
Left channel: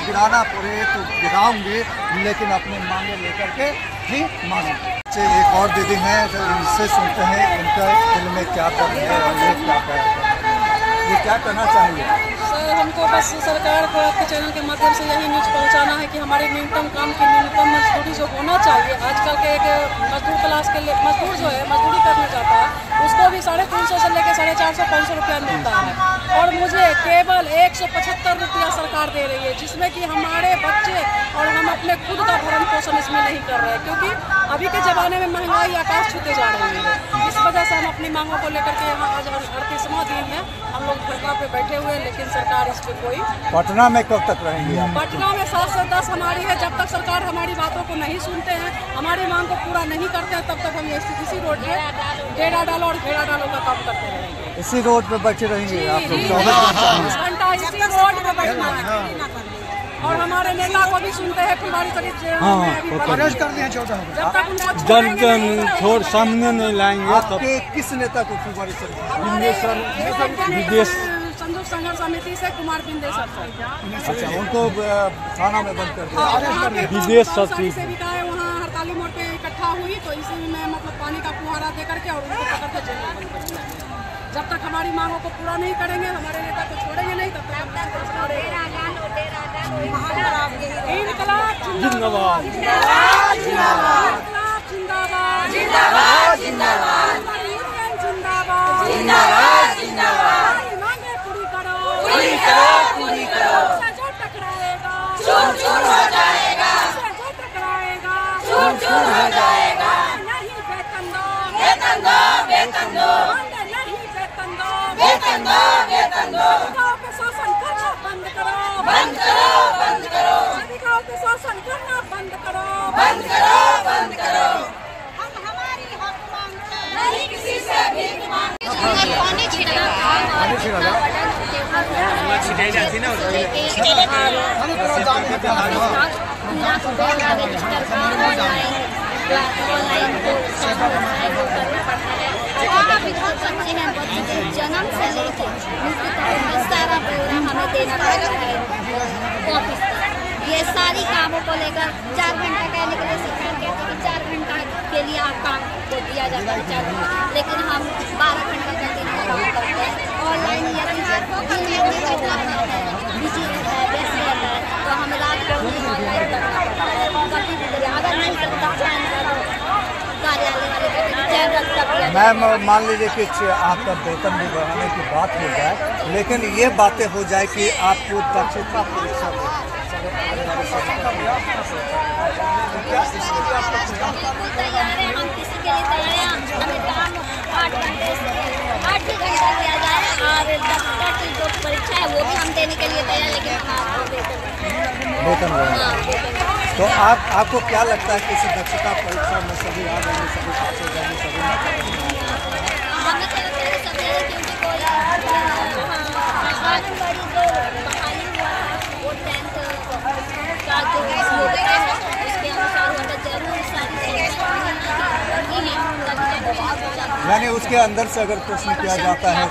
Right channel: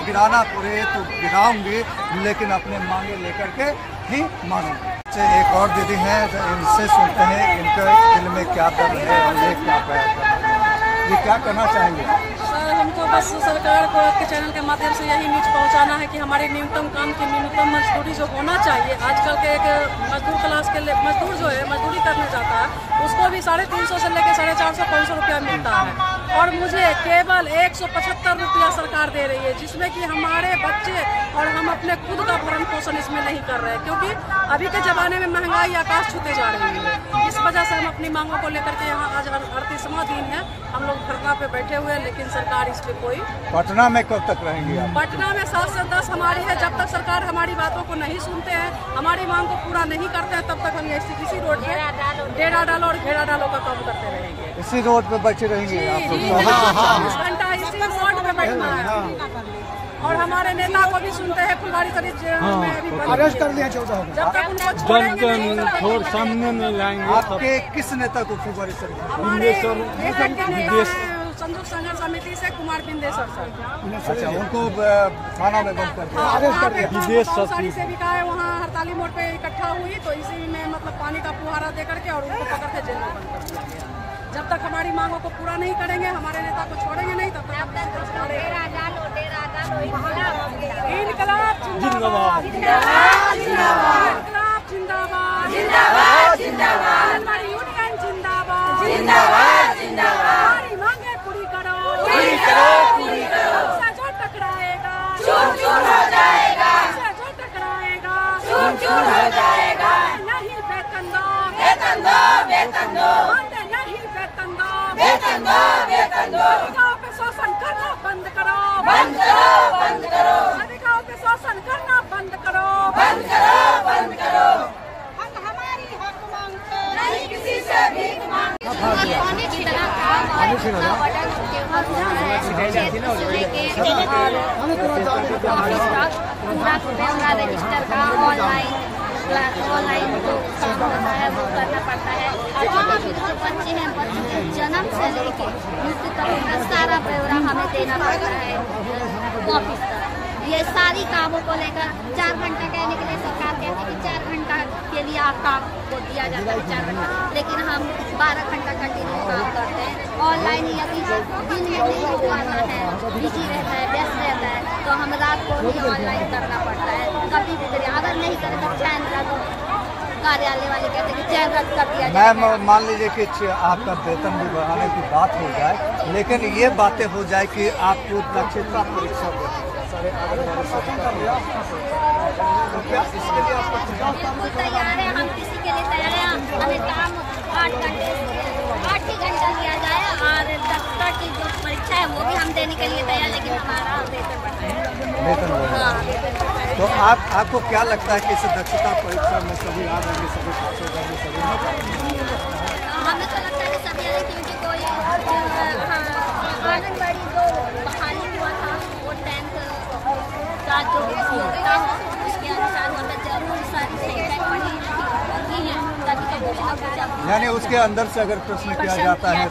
गिराना पड़े तो गिराऊंगी, लेकिन अपने मांगे लेकर के ही मानूंगी। एक और दीदी हैं, इनसे सुनते हैं इनका दिल में क्या दर्द है और ये क्या बयान कर रहे हैं, ये क्या कहना चाहेंगे? सर हमको बस सरकार को आपके चैनल के माध्यम से यही न्यूज पहुंचाना है कि हमारे न्यूनतम काम की न्यूनतम मजदूरी जो होना चाहिए, आजकल के एक मजदूर क्लास के लिए मजदूर जो है मजदूरी करने जाता है उसको भी 350 से लेकर 450-500 रुपया मिलता है और मुझे केवल 175 रुपया सरकार दे रही है, जिसमें कि हमारे बच्चे और हम अपने खुद का भरण पोषण इसमें नहीं कर रहे हैं, क्योंकि अभी के ज़माने में महंगाई आकाश छूते जा रही है। इस वजह से हम अपनी मांगों को लेकर के यहाँ आज 38वां दिन है, हम लोग धरना पे बैठे हुए हैं, लेकिन सरकार इस पे कोई। पटना में कब तक रहेंगे आप? पटना में 7 से 10 हमारी है। जब तक सरकार हमारी बातों को नहीं सुनते हैं, हमारी मांग को पूरा नहीं करते हैं, तब तक हम इसी रोड पे डेरा डालो और घेरा डालो का काम करते रहेंगे। इसी रोड पे बैठे रहेंगे आप लोग 24 घंटा इसी रोड पे बैठना है और हमारे नेता को भी सुनते हैं। फुलवारी शरीफ में अभी अरेस्ट कर दिया 14, जब तक उनको छोड़ सामने नहीं लाएंगे। आपके किस नेता को फुलवारी शरीफ? संयुक्त संघर्ष समिति से कुमार बिंदेश्वर सर। अच्छा, उनको थाना में बंद कर दिया। विदेश से भी कहा है, वहाँ हड़ताली मोड़ पे इकट्ठा हुई तो इसी में मतलब पानी का फुहारा दे करके और उनको पकड़ के जेल में बंद कर दिया गया। जब तक हमारी मांगों को पूरा नहीं करेंगे, हमारे नेता को छोड़ेंगे नहीं, तब तक इनकलाब जिंदाबाद, इनकलाब जिंदाबाद, जिंदाबाद यूनियन जिंदाबाद, हमारी मांगे पूरी करो, उससे जो टकराएगा चूर हो जाएगा, उससे जो टकराएगा चूर हो जाएगा। नहीं वेतन दो, वेतन दो, वेतन दो, नहीं वेतन दो, वेतन दो, वेतन दो। अधिकारों पे शोषण करना बंद करो, बंद करो, बंद करो। अधिकारों पे शोषण करना बंद करो, बंद करो, बंद करो। हम हमारी हक मांगते हैं, नहीं किसी से भीख मांगते हैं। ऑफिस का पूरा ब्यौरा रजिस्टर का ऑनलाइन जो काम होता है वो करना पड़ता है। अभी जो बच्चे हैं, बच्चे के जन्म से लेके मृत्यु तक का सारा ब्यौरा हमें देना पड़ता है ऑफिस का। ये सारी कामों को लेकर 4 घंटा कहने के लिए सरकार कहती है कि 4 घंटा के लिए आप काम को दिया जाता है 4 घंटा, लेकिन हम 12 घंटा कंटिन्यू काम करते हैं। ऑनलाइन यदि दिन में नहीं हो पाता है, बिजी रहता है, व्यस्त रहता है, तो हम रात को ही ऑनलाइन करना पड़ता है। कभी भी करिए, अगर नहीं करता चैन का तो कार्यालय वाले कहते हैं कि चैन रद्द कर दिया जाए। मैम, मान लीजिए कि आपका वेतन भी बढ़ाने की बात हो जाए, लेकिन ये बातें हो जाए कि आपको दक्षता परीक्षा बिल्कुल तैयार है, हम किसी के लिए तैयार हैं। हमें काम 8 ही घंटा दिया जाए और दक्षता की जो परीक्षा है वो भी हम देने के लिए तैयार, लेकिन हमारा वेतन बढ़ा। तो आपको क्या लगता है कि इस दक्षता परीक्षा में सभी आ जाएंगे, सभी पास हो जाएंगे, सभी हमें क्या लगता है सभी आए, क्योंकि कोई आंगनबाड़ी जो बहाली हुआ था वो 10th का जो योग्यता है उसके अनुसार होता जरूर सारी चीजें यानी उसके अंदर से अगर प्रश्न किया जाता है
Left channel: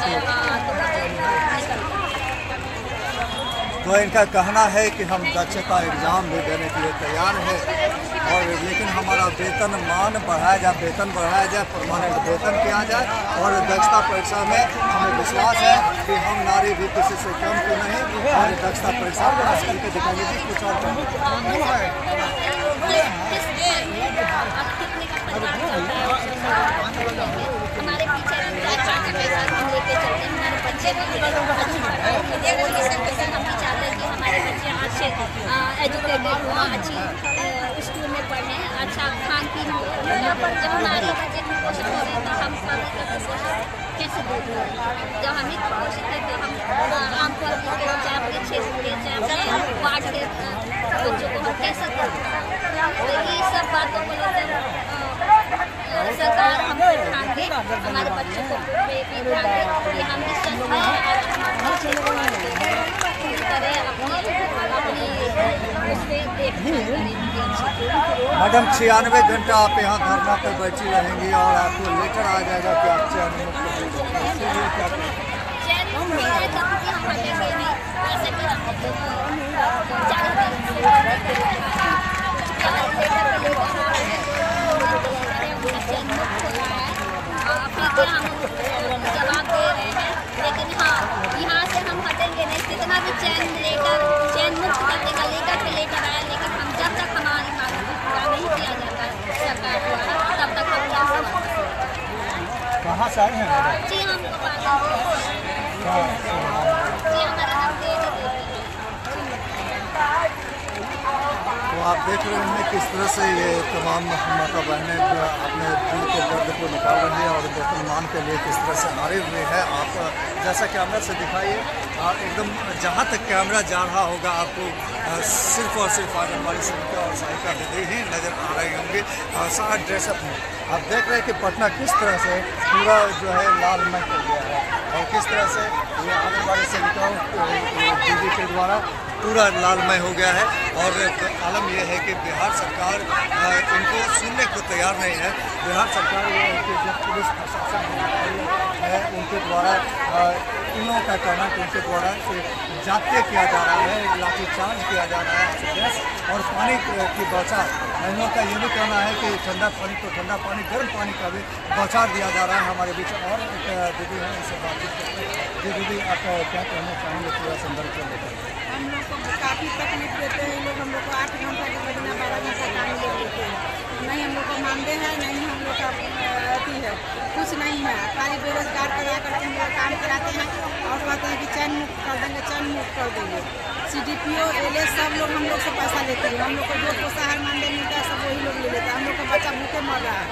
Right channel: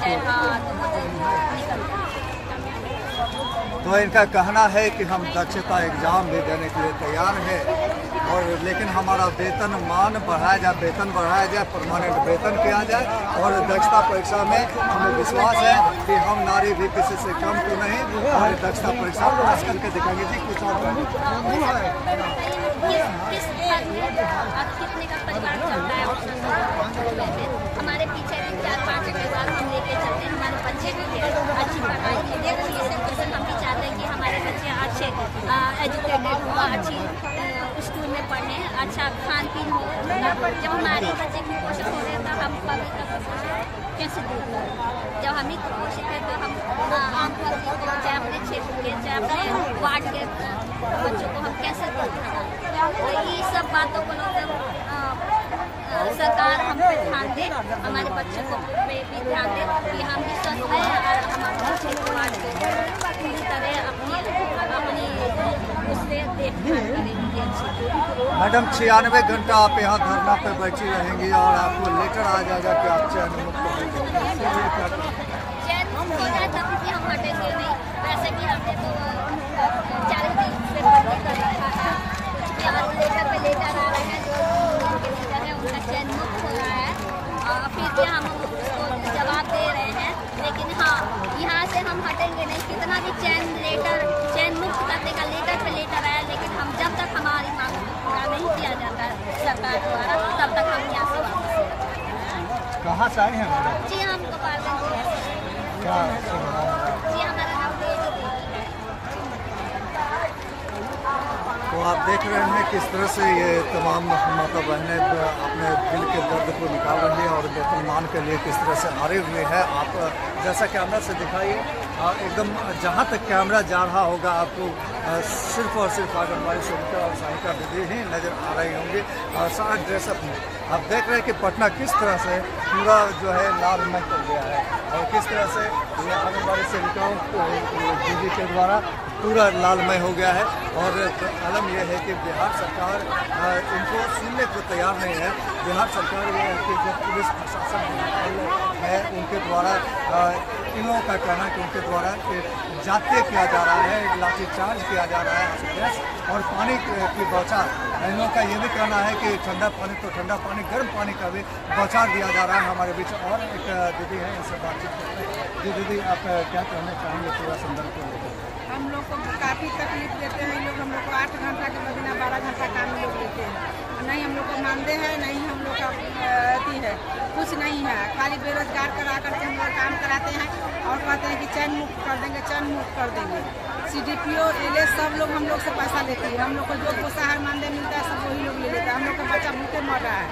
तो इनका कहना है कि हम दक्षता एग्जाम भी देने के लिए तैयार है, और लेकिन हमारा वेतन मान बढ़ाया जाए, वेतन बढ़ाया जाए, परमानेंट वेतन किया जाए, और दक्षता परीक्षा में हमें विश्वास है कि हम नारी भी किसी से कम तो नहीं, और दक्षता परीक्षा पास करके दिखाएंगे। जी कुछ और कितने का परिवार चलता है हमारे पीछे 4-5 परिवार हम लेके चलते हैं। हमारे बच्चे भी अच्छी पढ़ाई हम भी चाहते हैं कि हमारे बच्चे अच्छे एजुकेटेड हों, अच्छी स्कूल में पढ़े, अच्छा खान पीन हो। जब हमारे बच्चे कुपोषित हो रहे हैं तो हम पब्लिक का कुपोषित कैसे दूर करें? जब हम ही कुपोषित है तो हम आम पब्लिक के चाहे अपने क्षेत्र के चाहे अपने वार्ड के बच्चों को हम कैसे तो ये सब बातों को लेकर सरकार हम पे ध्यान दे, हमारे बच्चों को भी ध्यान दे कि हम भी स्वस्थ रहें, हमारे बच्चे को पूरी तरह अपनी उससे देखभाल करें। मैडम 96 घंटा आप यहाँ धरना पे बैठी रहेंगी और आपको लेटर आ जाएगा कि आप चयन मुक्त हो जाएंगे। चयन मुक्त हो जाए तब भी हम हटेंगे नहीं, वैसे भी हमने तो 40 दिन से बंद कर रखा था। लेटर पे लेटर आ रहे हैं, जो लेटर है उनका चयन मुक्त हो रहा है, फिर भी हम जवाब दे रहे हैं। लेकिन हाँ, यहाँ से हम हटे देंगे नहीं, कितना भी चैन मुक्त करने का लेटर पे लेटर आया, लेकिन हम जब तक हमारी मांग पूरा नहीं किया जाता सरकार द्वारा तब तक हम यहाँ से वापस। कहाँ से आए हैं? जी हम गोपालगंज क्या जी हमारा नाम देवी है। तो आप देख रहे हैं किस तरह से ये तमाम माता बहनें अपने दिल के दर्द को निकाल रही हैं और वेतनमान के लिए किस तरह से हारी हुई है। आप जैसा कैमरा से दिखाइए, एकदम जहाँ तक कैमरा जा रहा होगा आपको सिर्फ और सिर्फ आंगनबाड़ी सेविका और सहायिका दीदी ही नजर आ रही होंगी सारा ड्रेसअप में। आप देख रहे हैं कि पटना किस तरह से पूरा जो है लालमय हो गया है और किस तरह से ये आंगनबाड़ी सेविकाओं दीदी के द्वारा पूरा लालमय हो गया है। और आलम यह है कि बिहार सरकार इनको सुनने को तैयार नहीं है। बिहार सरकार ये है कि जो पुलिस प्रशासन है उनके द्वारा इन लोगों का कहना है कि उनके द्वारा जातीय किया जा रहा है, लाठीचार्ज किया जा रहा है, गैस और पानी की बौछार। इन लोगों का ये भी कहना है कि ठंडा पानी तो ठंडा पानी, गर्म पानी का भी बौछार दिया जा रहा है हमारे बीच। और एक दीदी है, उनसे बातचीत करते हैं। जी दीदी, आप क्या कहना चाहेंगे पूरा संदर्भ को लेकर? हम लोग को काफ़ी तकलीफ देते हैं लोग, हम लोग को 8 घंटा के बदला 12 घंटा काम लोग देते हैं। नहीं हम लोग को मानते हैं, नहीं हम लोग का अथी है, कुछ नहीं है। खाली बेरोजगार करा करके हम लोग काम कराते हैं और कहते हैं कि चैन मुक्त कर देंगे, चैन मुक्त कर देंगे। CDPO LS सब लोग हम लोग से पैसा लेते हैं। हम लोग को जो पोषाहार मानदेय मिलता है सब वही लोग ले लेता है। हम लोग का बच्चा भूखे मर रहा है,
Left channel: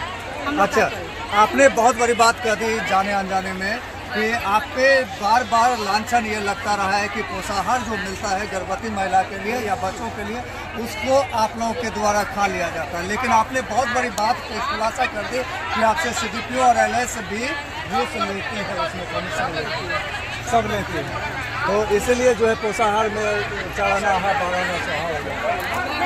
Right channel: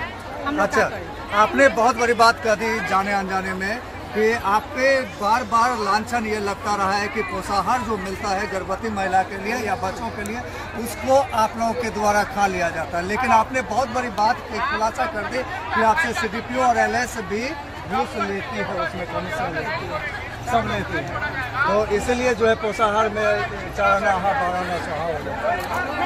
हम लोग क्या करें? आपने बहुत बड़ी बात कह दी जाने अनजाने में कि आप पे बार बार लांछन ये लगता रहा है कि पोषाहार जो मिलता है गर्भवती महिला के लिए या बच्चों के लिए उसको आप लोगों के द्वारा खा लिया जाता है। लेकिन आपने बहुत बड़ी बात खुलासा कर दी कि आपसे CDPO और LS भी घूस लेती है, उसमें कमीशन लेती है, सब लेती है। तो इसलिए जो है पोषाहार में चाहना बढ़ाना चाहिए,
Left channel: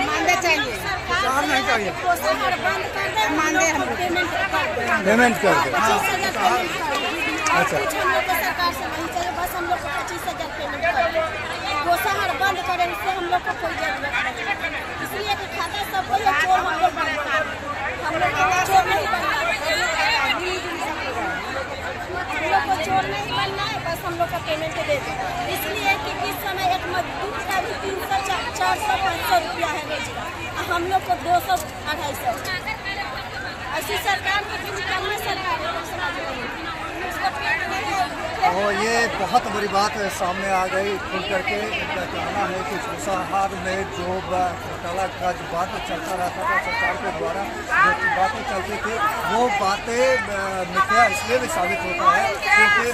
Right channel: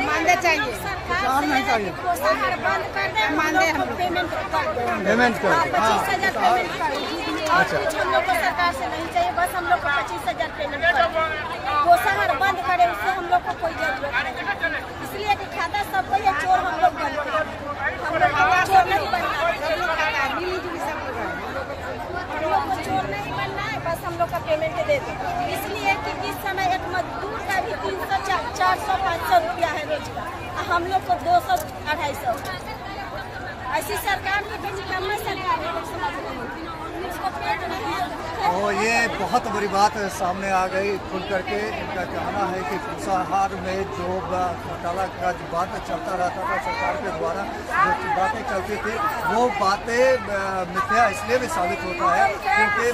मानदेय चाहिए, पोषाहार नहीं चाहिए, पोषाहार बंद कर दे, हम लोग को पेमेंट कर दे, पेमेंट कर दे। 25,000 पेमेंट कर दे। और कुछ हम लोग को सरकार से नहीं चाहिए, बस हम लोग को 25,000 पेमेंट कर दे। पोषाहार बंद करे, उससे हम लोग को कोई जरूरत नहीं। इसलिए कि खाता सबको ये चोर हम लोग बनना, हम लोग चोर नहीं बनना, हम लोग को चोर नहीं बनना है, बस हम लोग का पेमेंट दे दो। इसलिए कि इस समय एक मजदूर का भी 300, 400, 500 रुपया है रोज का, हम लोग को 200, 250। ऐसी सरकार की निकलने सरकार और ये बहुत बड़ी बात सामने आ गई खुल करके। इनका कहना है कि पोषाहार में जो घोटाला का जो बात चलता रहता था सरकार के द्वारा, जो बातें चलती थी वो बातें मिथ्या इसलिए भी साबित होता है क्योंकि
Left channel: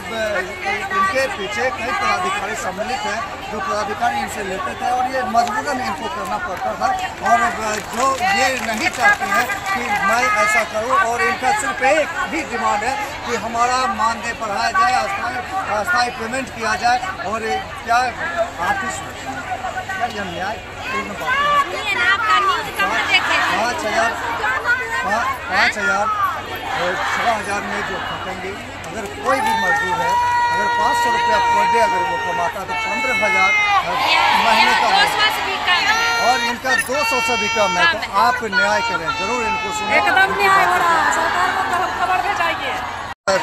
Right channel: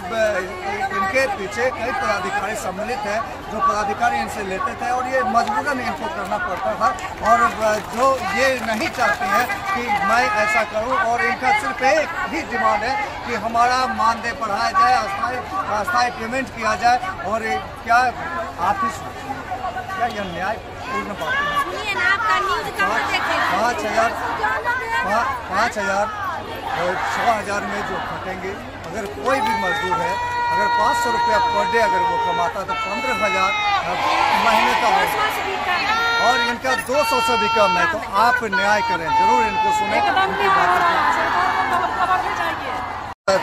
इनके पीछे कई पदाधिकारी सम्मिलित हैं जो पदाधिकारी इनसे लेते थे और ये मजबूरन इनको करना पड़ता था। और जो ये नहीं चाहती हैं कि मैं ऐसा करूं और इनका सिर्फ एक ही डिमांड है कि हमारा मानदेय बढ़ाया जाए, अस्थायी पेमेंट किया जाए। और क्या आर्थिक क्या यह न्यायपूर्ण बात है? 5,000 और 6,000 में जो खटेंगे, अगर कोई भी मजदूर है अगर 500 रुपया पर डे अगर वो कमाता तो 15,000 महीने का हो और इनका 200 से भी कम है। तो आप न्याय करें, जरूर इनको सुने, इनकी बातों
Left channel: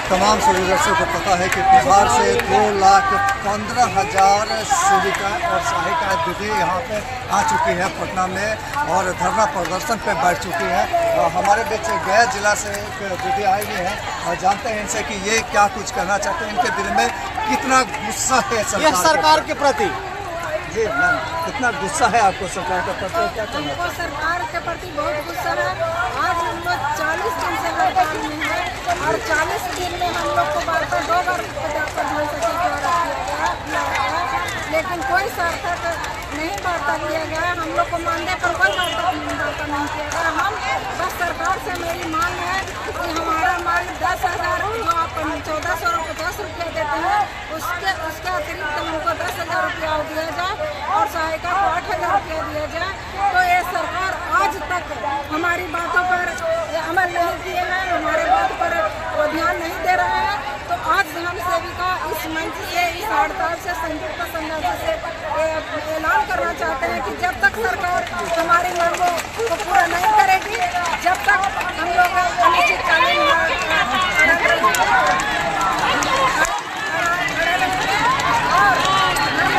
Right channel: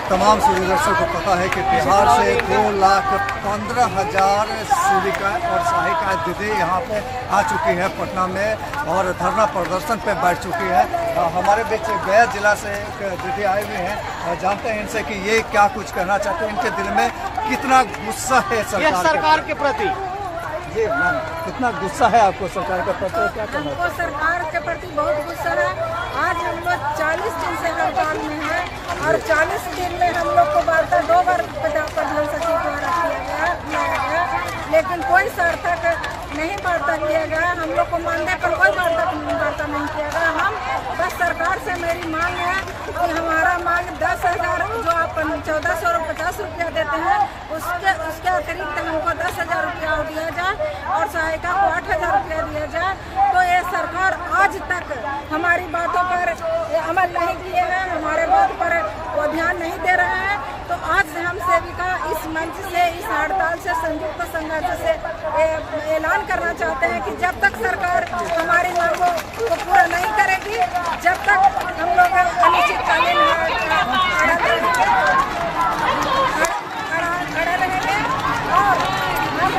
तमाम सभी दर्शकों को पता है कि बिहार से 2,15,000 सेविका और सहायिका दीदी यहाँ पे आ चुकी है पटना में और धरना प्रदर्शन पे बैठ चुकी है। हमारे बीच गया जिला से एक दीदी आए हुए हैं और जानते हैं इनसे कि ये क्या कुछ कहना चाहते हैं, इनके दिल में कितना गुस्सा है सरकार के प्रति। जी मैम, कितना गुस्सा है आपको सरकार के प्रति? क्या कहना? हमको सरकार के प्रति बहुत गुस्सा है। आज हम लोग 40 दिन से हड़ताल में है और 40 दिन में हम लोग को वार्ता 2 बार प्रधान सचिव द्वारा किया गया, लेकिन कोई सार्थक नहीं वार्ता किया गया। हम लोग को मानदेय पर कोई वार्ता नहीं किया गया। हम बस सरकार से मेरी मांग है कि हमारा मांग 10,000 जो आप 1,450 रुपया देते हैं उसके अतिरिक्त हमको 10,000 रुपया दिया जाए और सहायिका को 8,000 रुपया दिया जाए। तो ये सरकार आज तक हमारी बातों पर अमल नहीं किए हैं, हमारे बात पर वो ध्यान नहीं दे रहे हैं। तो आज हम सेविका इस मंच से, इस हड़ताल से, संयुक्त संघर्ष से ऐलान करना चाहते हैं कि जब तक सरकार हमारी मांगों को पूरा नहीं करेगी, जब तक हम लोग अनिश्चितकालीन खड़े रहेंगे और हम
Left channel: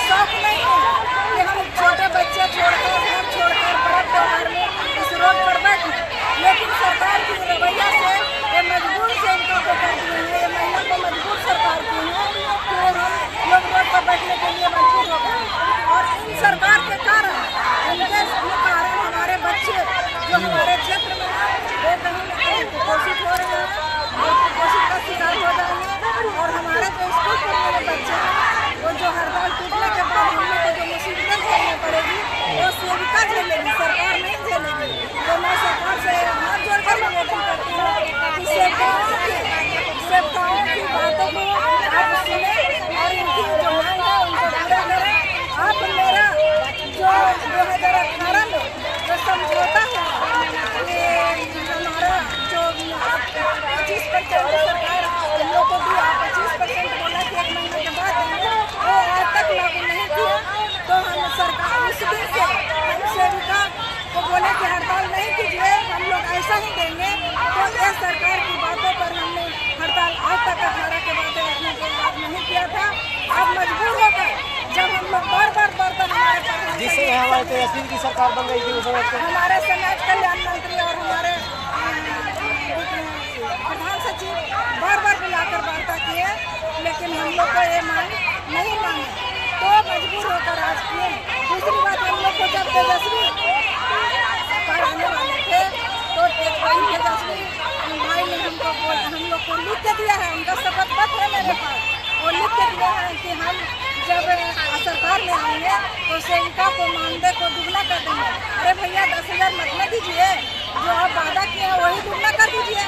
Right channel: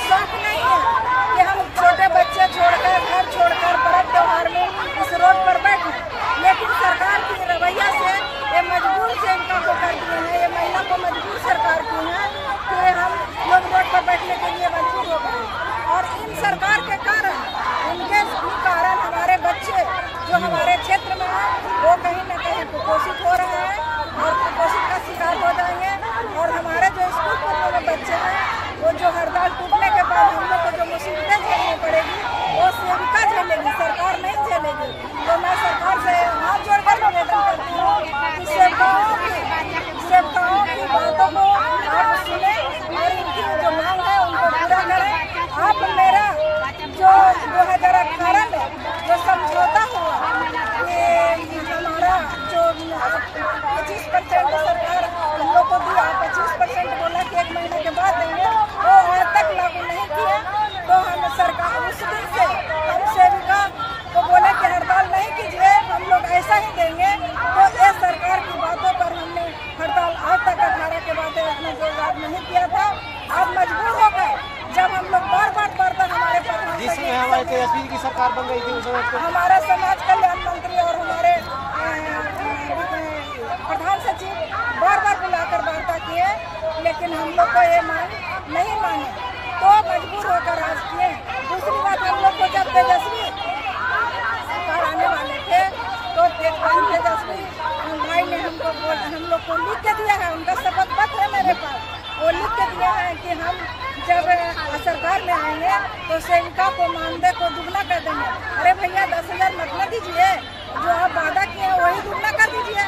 शौक नहीं है कि हम छोटे बच्चे छोड़कर घर छोड़कर पर्व त्योहार में इस रोड पर बैठे, लेकिन सरकार की रवैया से ये मजबूर से इनका को कर दिए हैं, ये महिला को मजबूर सरकार की है कि हम लोग रोड पर बैठने के लिए मजबूर हो गए। और इन सरकार के कारण, इनके कारण हमारे बच्चे जो हमारे क्षेत्र में हैं वो कहीं न कहीं कुपोषित हो रहे हैं और कुपोषित का शिकार हो जाएंगे। और हमारे जो स्कूल पढ़ने में बच्चे हैं वो जो हड़ताल टूटने के बाद हम लोग को जो मुसीबतें झेलनी पड़ेगी वो सेविका झेलेगी, सरकार नहीं झेलेगी। तो मैं सरकार से हाथ जोड़कर निवेदन करती हूँ कि सेवकाओं की बातों को आप सुने और इनकी जो मांग है उनको पूरा करें। आप मेरा जो 2018 में जो समझौता हुआ कि हमारा जो 25% सरकार हम लोग को भी आप 25% बोला कि 1 महीने के बाद देंगे, वो आज तक लागू नहीं किया। तो हम सरकार उस दिन से हम सेविका को बोले कि हड़ताल नहीं कीजिए, हम लोग ऐसा ही देंगे। तो ये सरकार की बातों पर हमने हड़ताल आज तक 18 के बाद इसमें जो लाभ नहीं किया था, अब मजबूर होकर जब हम लोग बार बार हमारे प्रधान की सरकार बन गई थी, हमारे समाज कल्याण मंत्री और हमारे प्रधान सचिव बार बुलाकर वार्ता किए, लेकिन हम लोग को ये मांग नहीं मांगे, तो मजबूर होकर आज किए। दूसरी बात, हम लोग को जब तेजस्वी सरकार आने वाले थे तो तेजस्वी भाई ने हमको हम लोग को लिख के दिया है, उनका शपथ पत्र है मेरे पास, वो लिख के दिया है कि हम जब सरकार में आएंगे तो सेविका को मानदेय को दुगना कर देंगे। अरे भैया 10,000 मत न दीजिए, जो आप वादा किए हैं वही दुगना कर दीजिए,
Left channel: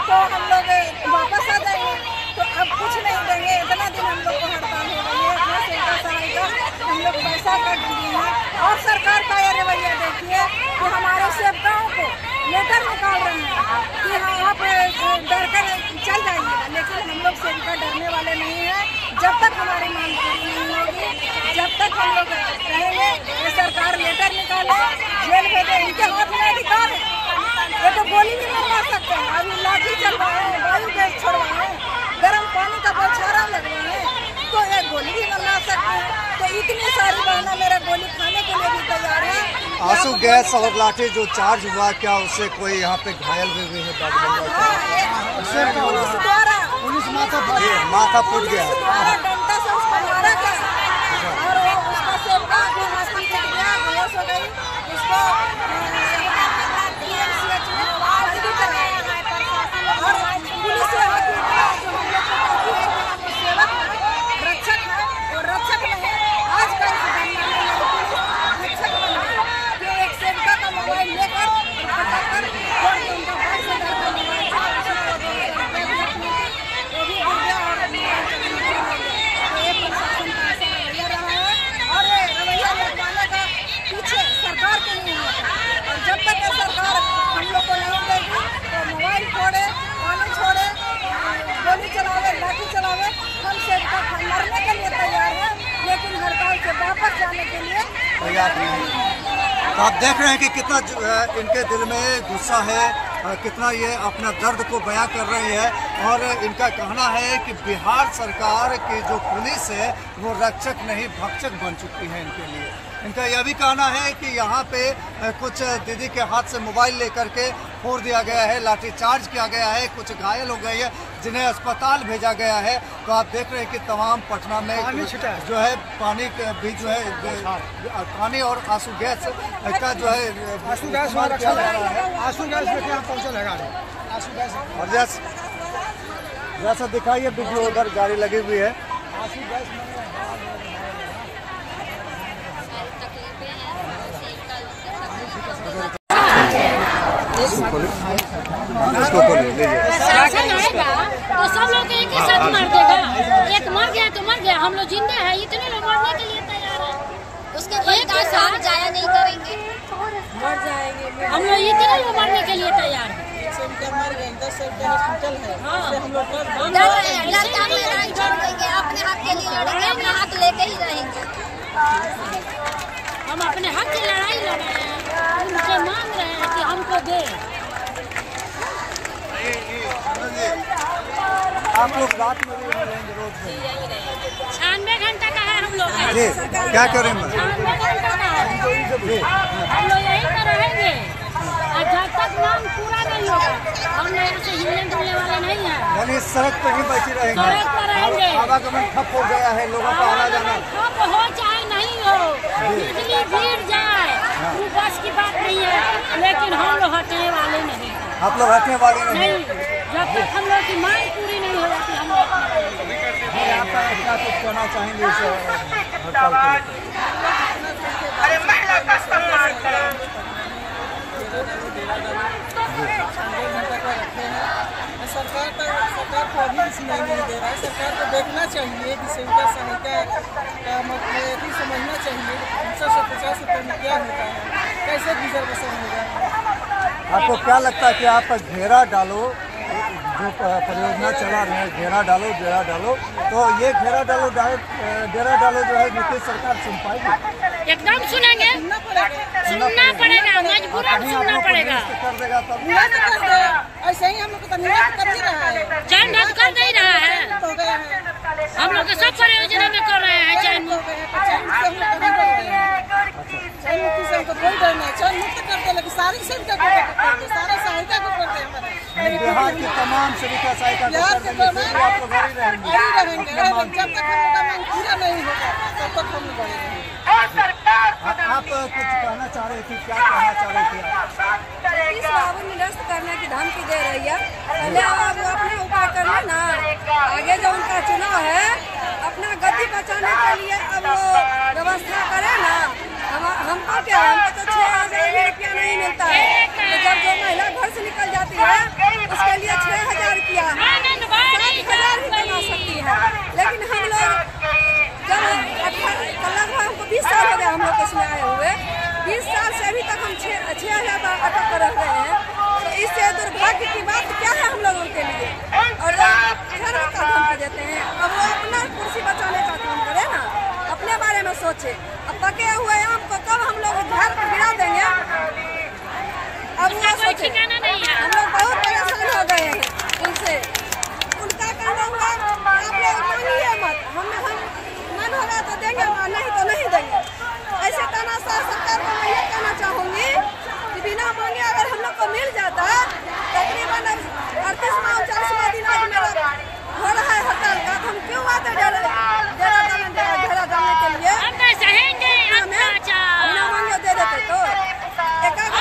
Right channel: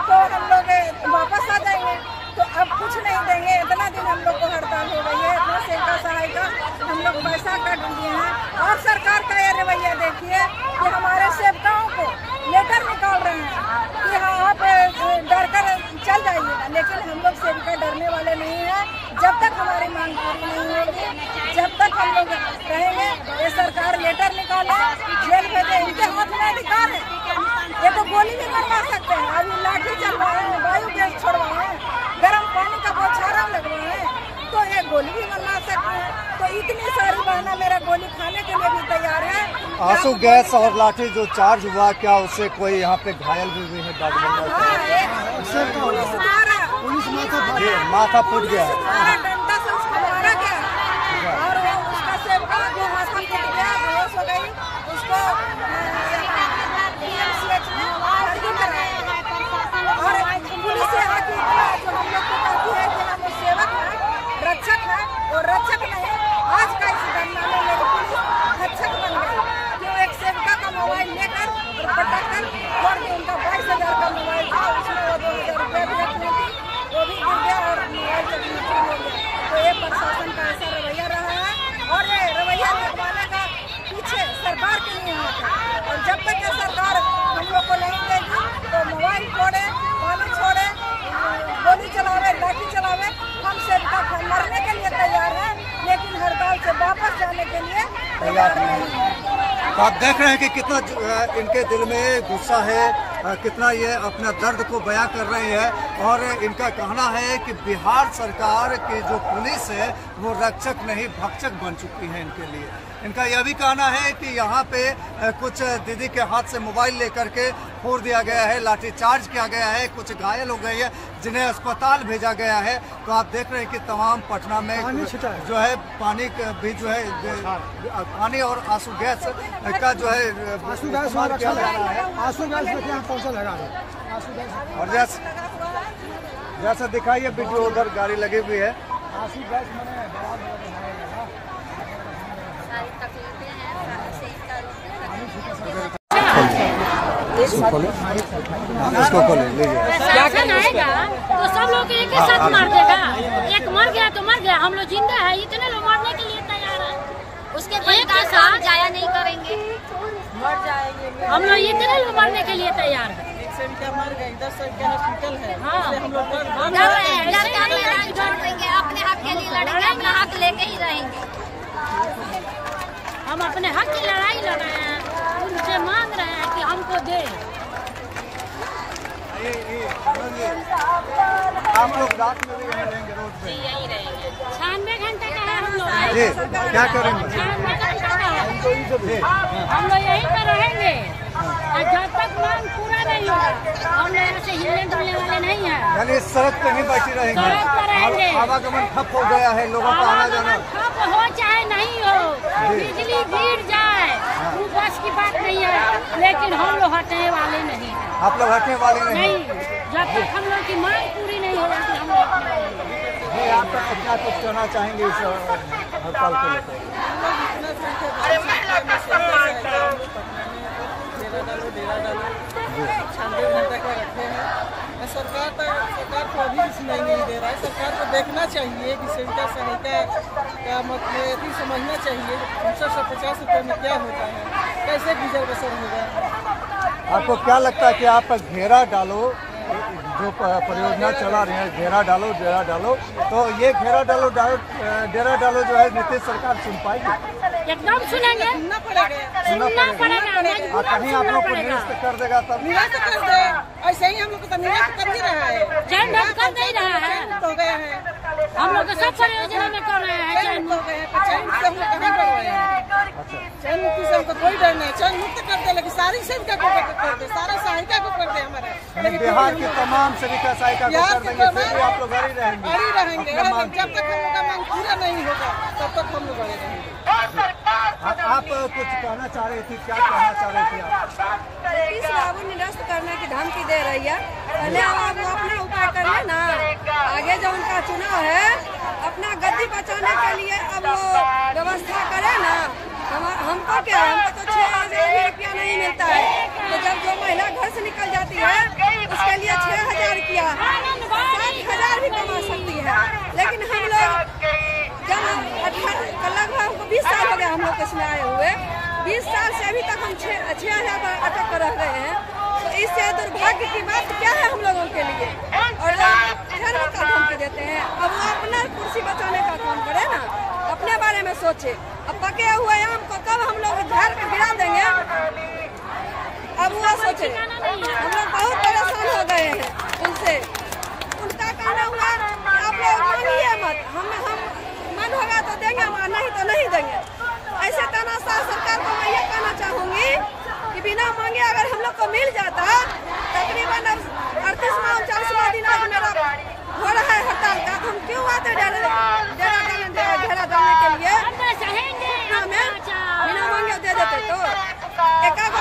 तो हम लोग वापस आ जाएंगे। तो अब कुछ नहीं देंगे, इतना दिन हम लोग को हड़ताल हो गई है, इतना सेविका सहायिका हम लोग पैसा काट दिए हैं। और सरकार का ये रवैया देखिए कि हमारे सेवकाओं को लेटर निकाल रहे हैं कि हाँ आप डर कर चल जाइएगा, लेकिन हम लोग सेविका डरने वाले नहीं हैं। जब तक हमारी मांग पूरी नहीं होगी, जब तक हम लोग रहेंगे, ये सरकार लेटर निकाले, जेल भेजे, इनके हाथ में अधिकार है। ये तो गोली भी मरवा सकते हैं, अभी लाठी चलवाए, वायु गैस छोड़वाए, गर्म पानी का बौछारा लगवाए, तो ये गोली भी मरवा सकते हैं। तो इतनी सारी बहनों मेरा गोली खाने के लिए भी तैयार है। आंसू गैस और लाठी जो चार्ज हुआ, क्या उससे कोई यहाँ पे घायल भी हुए हैं? पुलिस द्वारा माथा फूट गया, डंडा से उसको मारा गया और वो उसका सेवका जो माथा फूट गया, बेहोश हो गई, उसको PMCH में भर्ती कराया और पुलिस यहाँ की जो हम लोग को कहती है कि हम सेवक हैं, रक्षक हैं, और रक्षक नहीं, आज का इस घटना में पुलिस रक्षक बन गई। जो एक सेविका का मोबाइल लेकर और पटाकर फोड़ के उनका 22,000 का मोबाइल था, उसमें वो 2,000 रुपये भी रखनी थी, वो भी गिर गया और मोबाइल का नुकसान हो गया। तो ये प्रशासन का ऐसा रवैया रहा है और ये रवैया लगवाने का पीछे सरकार के नहीं होता है। और जब तक ये सरकार हम लोग को नहीं देगी तो मोबाइल फोड़े, पानी छोड़े, गोली चलावे, लाठी चलावे, हम सेविका मरने के लिए तैयार हैं, लेकिन हड़ताल से वापस जाने के लिए तैयार नहीं है। तो आप देख रहे हैं कि कितना इनके दिल में गुस्सा है, कितना ये अपना दर्द को बयां कर रहे हैं। और इनका कहना है कि बिहार सरकार की जो पुलिस है वो रक्षक नहीं भक्षक बन चुकी है इनके लिए। इनका यह भी कहना है कि यहाँ पे कुछ दीदी के हाथ से मोबाइल लेकर के फोड़ दिया गया है, लाठीचार्ज किया गया है, कुछ घायल हो गए हैं जिन्हें अस्पताल भेजा गया है। तो आप देख रहे हैं कि तमाम पटना में जो है पानी भी जो है पानी और आंसू गैस का जो है इस्तेमाल किया जा रहा है। और जैसा दिखाइए वीडियो, उधर गाड़ी लगी हुई है। प्रशासन आएगा तो सब लोग एक ही साथ मार देगा, एक मर गया तो मर गया, हम लोग जिंदा है, इतने लोग मारने के लिए तैयार है, उसके एक के साथ जाया नहीं करेंगे, मर जाएंगे, हम लोग इतने लोग मारने के लिए तैयार है। मर गए, 10 हॉस्पिटल है, हाँ हम लोग अपने हक के लिए लड़ेंगे, अपने हक लेके ही रहेंगे, हम अपने हक की लड़ाई लड़ रहे हैं, उनसे मांग रहे हैं कि हमको दे। आप लोग रात में भी रहेंगे, रोज में 96 घंटे का है हम लोग। जी क्या करेंगे जी? हम लोग यहीं पर रहेंगे और जब तक मांग पूरा नहीं होगा हम लोग यहाँ से हिलने डुलने वाले नहीं हैं। यानी सड़क पे ही बैठी रहेंगे? सड़क पर रहेंगे। आवागमन ठप हो गया है, लोगों का आना जाना ठप हो चाहे नहीं हो, बिजली गिर जाए वो बस की बात नहीं है, लेकिन हम लोग हटने वाले नहीं हैं। आप लोग हटने वाले नहीं, जब तक हम लोग की मांग पूरी नहीं हो जाती हम लोग आप क्या कुछ कहना चाहेंगे इस हड़ताल को लेकर? डेरा डालो 6 घंटे पर रखे हैं। सरकार को अभी भी सुनाई नहीं दे रहा है। सरकार को देखना चाहिए कि सेविका सहायिका का मतलब भी समझना चाहिए 350 रुपये में क्या होता है, कैसे गुजर बसर होगा। आपको क्या लगता है कि आप घेरा डालो, जो परियोजना चला रहे हैं घेरा डालो डेरा डालो, तो ये घेरा डालो डेरा डालो जो है नीतीश सरकार सुन पाएगी? एकदम सुनेंगे, सुनना पड़ेगा, मजबूरन कहीं आप लोग को निरस्त कर देगा तब? निरस्त कर दे, ऐसे ही हम लोग तो निरस्त कर ही रहा है। चैन मुक्त कर नहीं रहा है, हो गए हैं हम लोग के सब परियोजना में कर रहे हैं चैन मुक्त। चैन मुक्त हम लोग कहाँ कर रहे हैं? चैन मुक्ति से हमको कोई डर नहीं, चैन मुक्त कर दे, लेकिन सारी सेविका को कर दे, सारा सहायिका को कर दे हमारे बिहार की तमाम सेविका सहायिका को कर देंगे, फिर भी आप लोग घर ही रहेंगे? जब तक हम लोग का मांग पूरा नहीं होगा तब तक हम लोग बड़े रहेंगे। आप कुछ कहना चाह रही थी, क्या कहना चाह रही थी आप? नीतीश बाबू निरस्त करने की धमकी दे रही है। पहले आप वो अपना उपाय कर ले ना, आगे जो उनका चुनाव है अपना गद्दी बचाने के लिए अब वो व्यवस्था करे ना। हमको क्या, हमको तो 6,000 रुपया नहीं मिलता है, तो जब जो महिला घर से निकल जाती है उसके लिए 6,000 रुपया 7,000 भी कमा सकती है। लेकिन हम लोग जब लगभग हमको 20 साल हो गया हम लोग इसमें आए हुए, 20 साल से अभी तक हम 6,000 पर अटक कर रह गए हैं। तो इससे दुर्भाग्य की बात क्या है हम लोगों के लिए? और धर्म का धमकी देते हैं। अब वो अपना कुर्सी बचाने का काम करे ना, अपने बारे में सोचे। अब पके हुए आम को कब हम लोग घर पे गिरा देंगे, अब वो सोचे। हम लोग बहुत परेशान हो गए हैं उनसे। उनका कहना हुआ आप लोग मांगिए मत, हम मन होगा तो देंगे, नहीं तो नहीं देंगे। ऐसे तानाशाह सरकार को मैं ये कहना चाहूंगी कि बिना मांगे अगर हम लोग को मिल जाता, तकरीबन 38वां दिन आज मेरा हो रहा है हड़ताल का, तो हम क्यों आते घेरा डालने के लिए? बिना मांगे दे देते तो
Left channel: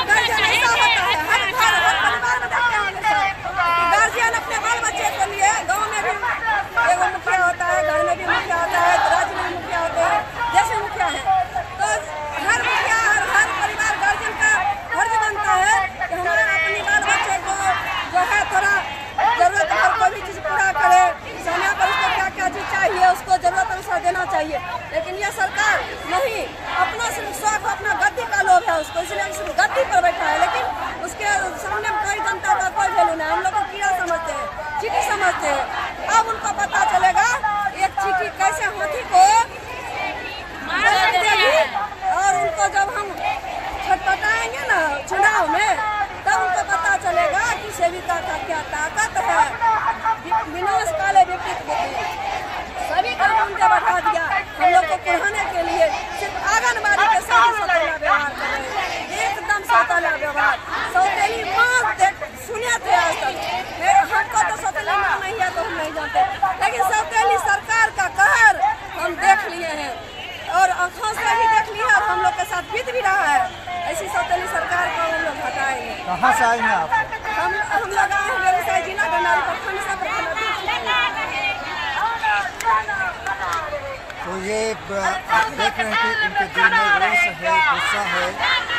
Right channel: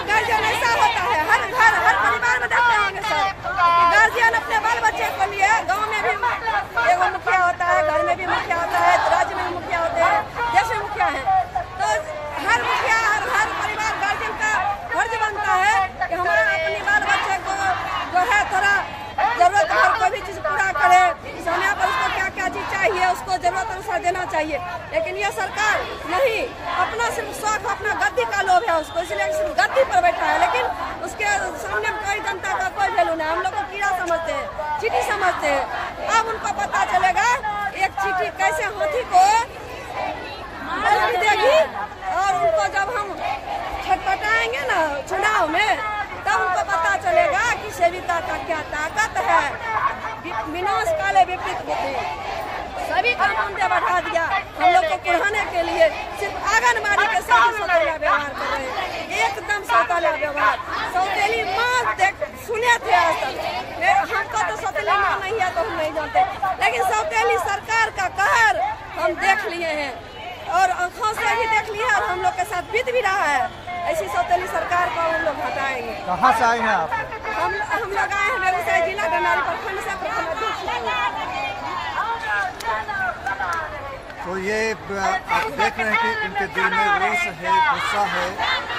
गार्जियन ऐसा होता है, हर परिवार में देखते होंगे सर, गार्जियन अपने बाल बच्चे के लिए गाँव में भी एगो मुखिया होता है, घर में भी मुखिया होता है, राज्य में भी मुखिया होते हैं, देश में मुखिया है। तो हर मुखिया हर परिवार गार्जियन का फर्ज बनता है कि हमारा अपने बाल बच्चे को जो है थोड़ा जरूरत भर कोई भी चीज पूरा करे, समय पर उसको क्या क्या चीज चाहिए उसको जरूरत अनुसार देना चाहिए। लेकिन ये सरकार नहीं, अपना सिर्फ शौक, अपना गद्दी का लोभ है उसको, इसलिए सिर्फ गद्दी पर बैठा है। लेकिन उसके सामने कोई जनता का कोई वैल्यू नहीं। हम लोग को कीड़ा समझते हैं, चीटी समझते हैं। अब उनको पता चलेगा एक चीटी कैसे हाथी को देगी, और उनको जब हम छटपटाएंगे ना चुनाव में, तब उनको पता चलेगा कि सेविका का क्या ताकत है। विनाश काले विपरीत बुद्धि, सभी का मानदेय बढ़ा दिया हम लोग को कुढ़ाने के लिए। सिर्फ आंगनबाड़ी के साथ ही सौतेला व्यवहार कर रहे हैं, एकदम सौतेला व्यवहार। सौतेली माँ सुने थे आज तक, हमको तो सौतेली माँ नहीं है तो हम नहीं जानते, लेकिन सौतेली सरकार का कहर हम देख लिए हैं और आँखों से भी देख लिया और हम लोग के साथ बीत भी रहा है। ऐसी सौतेली सरकार को हम लोग हटाएंगे। कहाँ से आए हैं आप? हम लोग आए हैं बेगूसराय जिला डंडारी प्रखंड से, प्रखंड अध्यक्ष। तो ये आप देख रहे हैं कि इनके दिल में रोष है, गुस्सा है,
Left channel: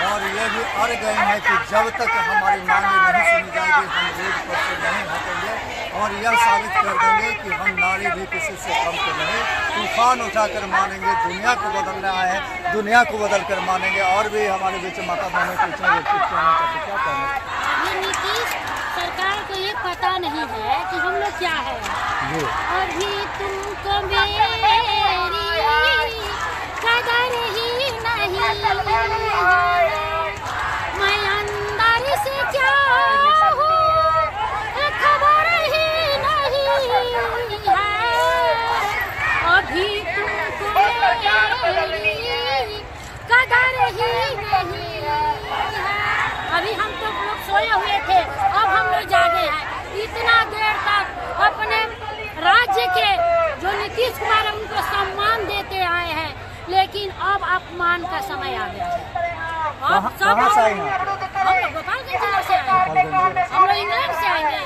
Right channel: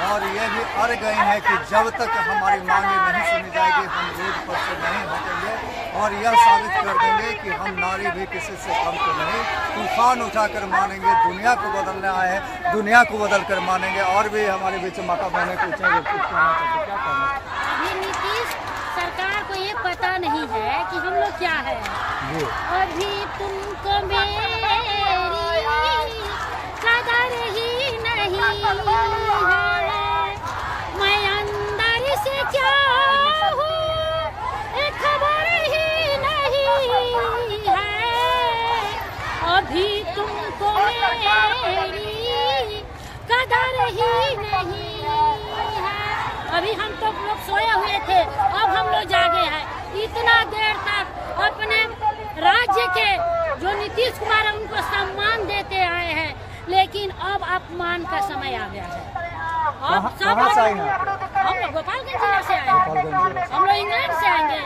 और ये भी अड़ गए हैं कि जब तक हमारी मांगे नहीं सुनी जाएगी हम रोड पर से नहीं हटेंगे, और यह साबित कर देंगे कि हम नारी भी किसी से कम तो नहीं। तूफान उठाकर मानेंगे, दुनिया को बदलना है, दुनिया को बदल कर मानेंगे। और भी हमारे बीच माता बहनें पूछेंगे कुछ कहना चाहते, क्या कहना? अभी नीतीश सरकार को ये पता नहीं है कि हम लोग क्या है। अभी तुमको मेरी कदर ही नहीं है, मैं अंदर से क्या हूँ खबर ही नहीं है। अभी तुमको मेरी ही है। अभी हम तो लोग सोए हुए थे, अब हम लोग जागे हैं। इतना देर तक अपने राज्य के जो नीतीश कुमार है उनको सम्मान देते आए हैं, लेकिन अब अपमान का समय आ गया है। अब सब कहाँ से आए हैं? हम लोग गोपालगंज जिला से आए हैं। हम लोग इंग्लैंड से आएंगे,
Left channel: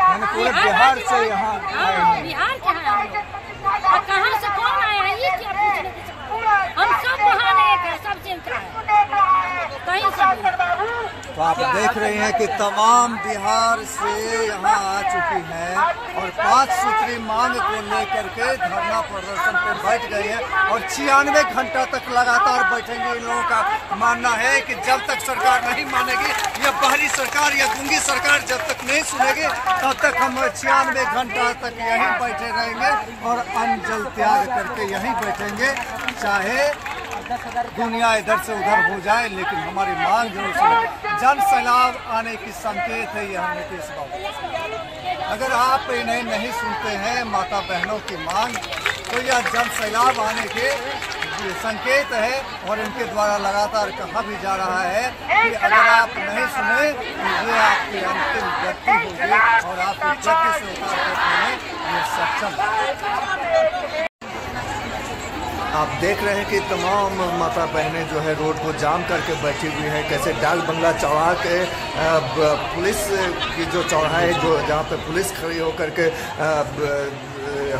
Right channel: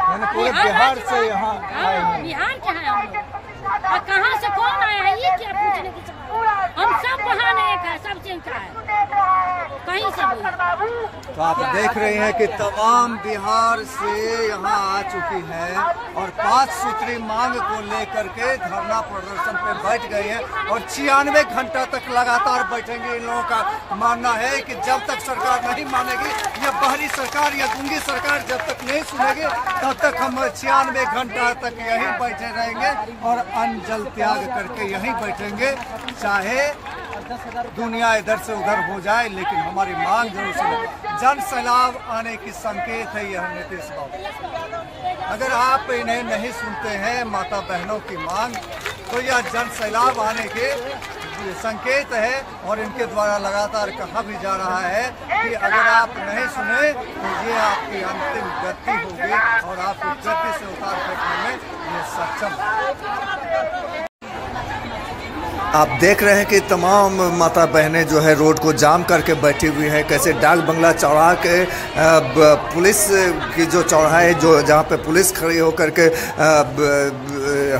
यानी पूरे बिहार से यहाँ आए हैं। बिहार के हैं हम लोग। और कहाँ से कौन आया है ये क्या पूछने की सवाल है? हम सब महान एक है, सबसे ऊंचा है, कहीं से भी। तो आप देख रहे हैं कि तमाम बिहार से यहाँ आ चुकी है और 5 सूत्री मांग को लेकर के धरना प्रदर्शन पे बैठ गए हैं और 96 घंटा तक लगातार बैठेंगे। इन लोगों का मानना है कि जब तक सरकार नहीं मानेगी, या बाहरी सरकार या गूंगी सरकार जब तक नहीं सुनेगी, तब तक हम 96 घंटा तक यहीं बैठे रहेंगे और अन्न जल त्याग करके यहीं बैठेंगे, चाहे दुनिया इधर से उधर हो जाए, लेकिन हमारी मांग जो है जन सैलाब आने की संकेत है यह नीतीश बाबू। अगर आप इन्हें नहीं सुनते हैं माता बहनों की मांग, तो यह जन सैलाब आने के संकेत है और इनके द्वारा लगातार कहा भी जा रहा है कि अगर आप नहीं सुने तो ये आपकी अंतिम गति होगी और आपको गति से उतार फेंकने में ये सक्षम। आप देख रहे हैं कि तमाम माता बहनें जो है रोड को जाम करके बैठी हुई है। कैसे डाक बंगला चौराहा के पुलिस की जो चौराहा है, जो जहाँ पे पुलिस खड़ी होकर के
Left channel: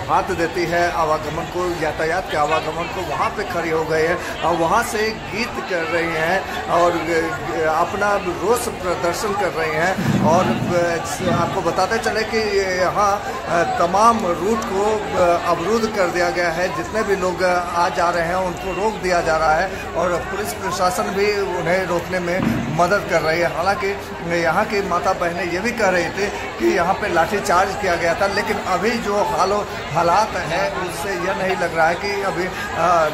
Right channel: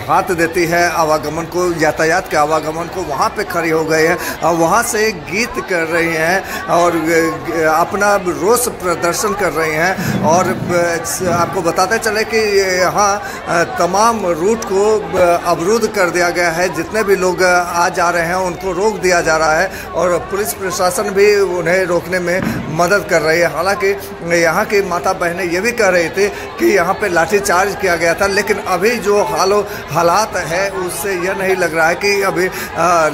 हाथ देती है आवागमन को, यातायात के आवागमन को, वहाँ पे खड़ी हो गए हैं और वहाँ से गीत कर रही हैं और अपना रोष प्रदर्शन कर रही हैं। और आपको बताते चले कि यहाँ तमाम रूट को अवरुद्ध कर दिया गया है। जितने भी लोग आ जा रहे हैं उनको रोक दिया जा रहा है और पुलिस प्रशासन भी उन्हें रोकने में मदद कर रही है। हालांकि यहाँ की माता बहनें ये भी कह रही थी कि यहाँ पे लाठीचार्ज किया गया था, लेकिन अभी जो हालात है उससे यह नहीं लग रहा है कि अभी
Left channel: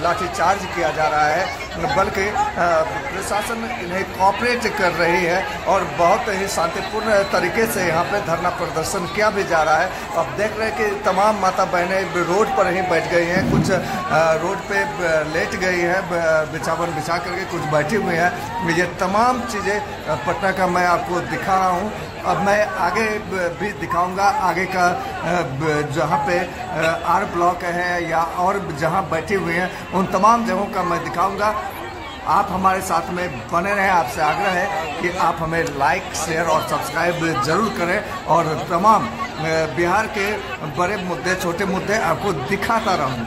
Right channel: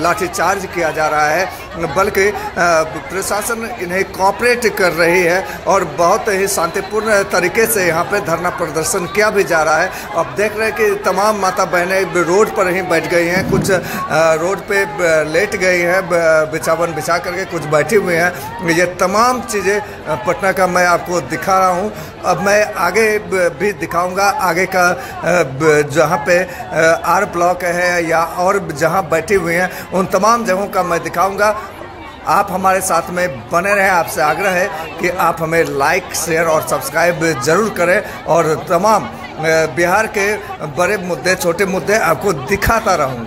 लाठीचार्ज किया जा रहा है, बल्कि प्रशासन इन्हें कोऑपरेट कर रही है और बहुत ही शांतिपूर्ण तरीके से यहाँ पे धरना प्रदर्शन किया भी जा रहा है। अब देख रहे हैं कि तमाम माता बहनें रोड पर ही बैठ गई हैं, कुछ रोड पे लेट गई हैं बिछावन बिछा करके, कुछ बैठी हुई हैं। ये तमाम चीज़ें पटना का मैं आपको दिखा रहा हूँ। अब मैं आगे भी दिखाऊंगा, आगे का जहाँ पे आर ब्लॉक है या और जहाँ बैठी हुई हैं उन तमाम जगहों का मैं दिखाऊंगा। आप हमारे साथ में बने रहें। आपसे आग्रह है कि आप हमें लाइक, शेयर और सब्सक्राइब जरूर करें और तमाम बिहार के बड़े मुद्दे, छोटे मुद्दे आपको दिखाता रहूं।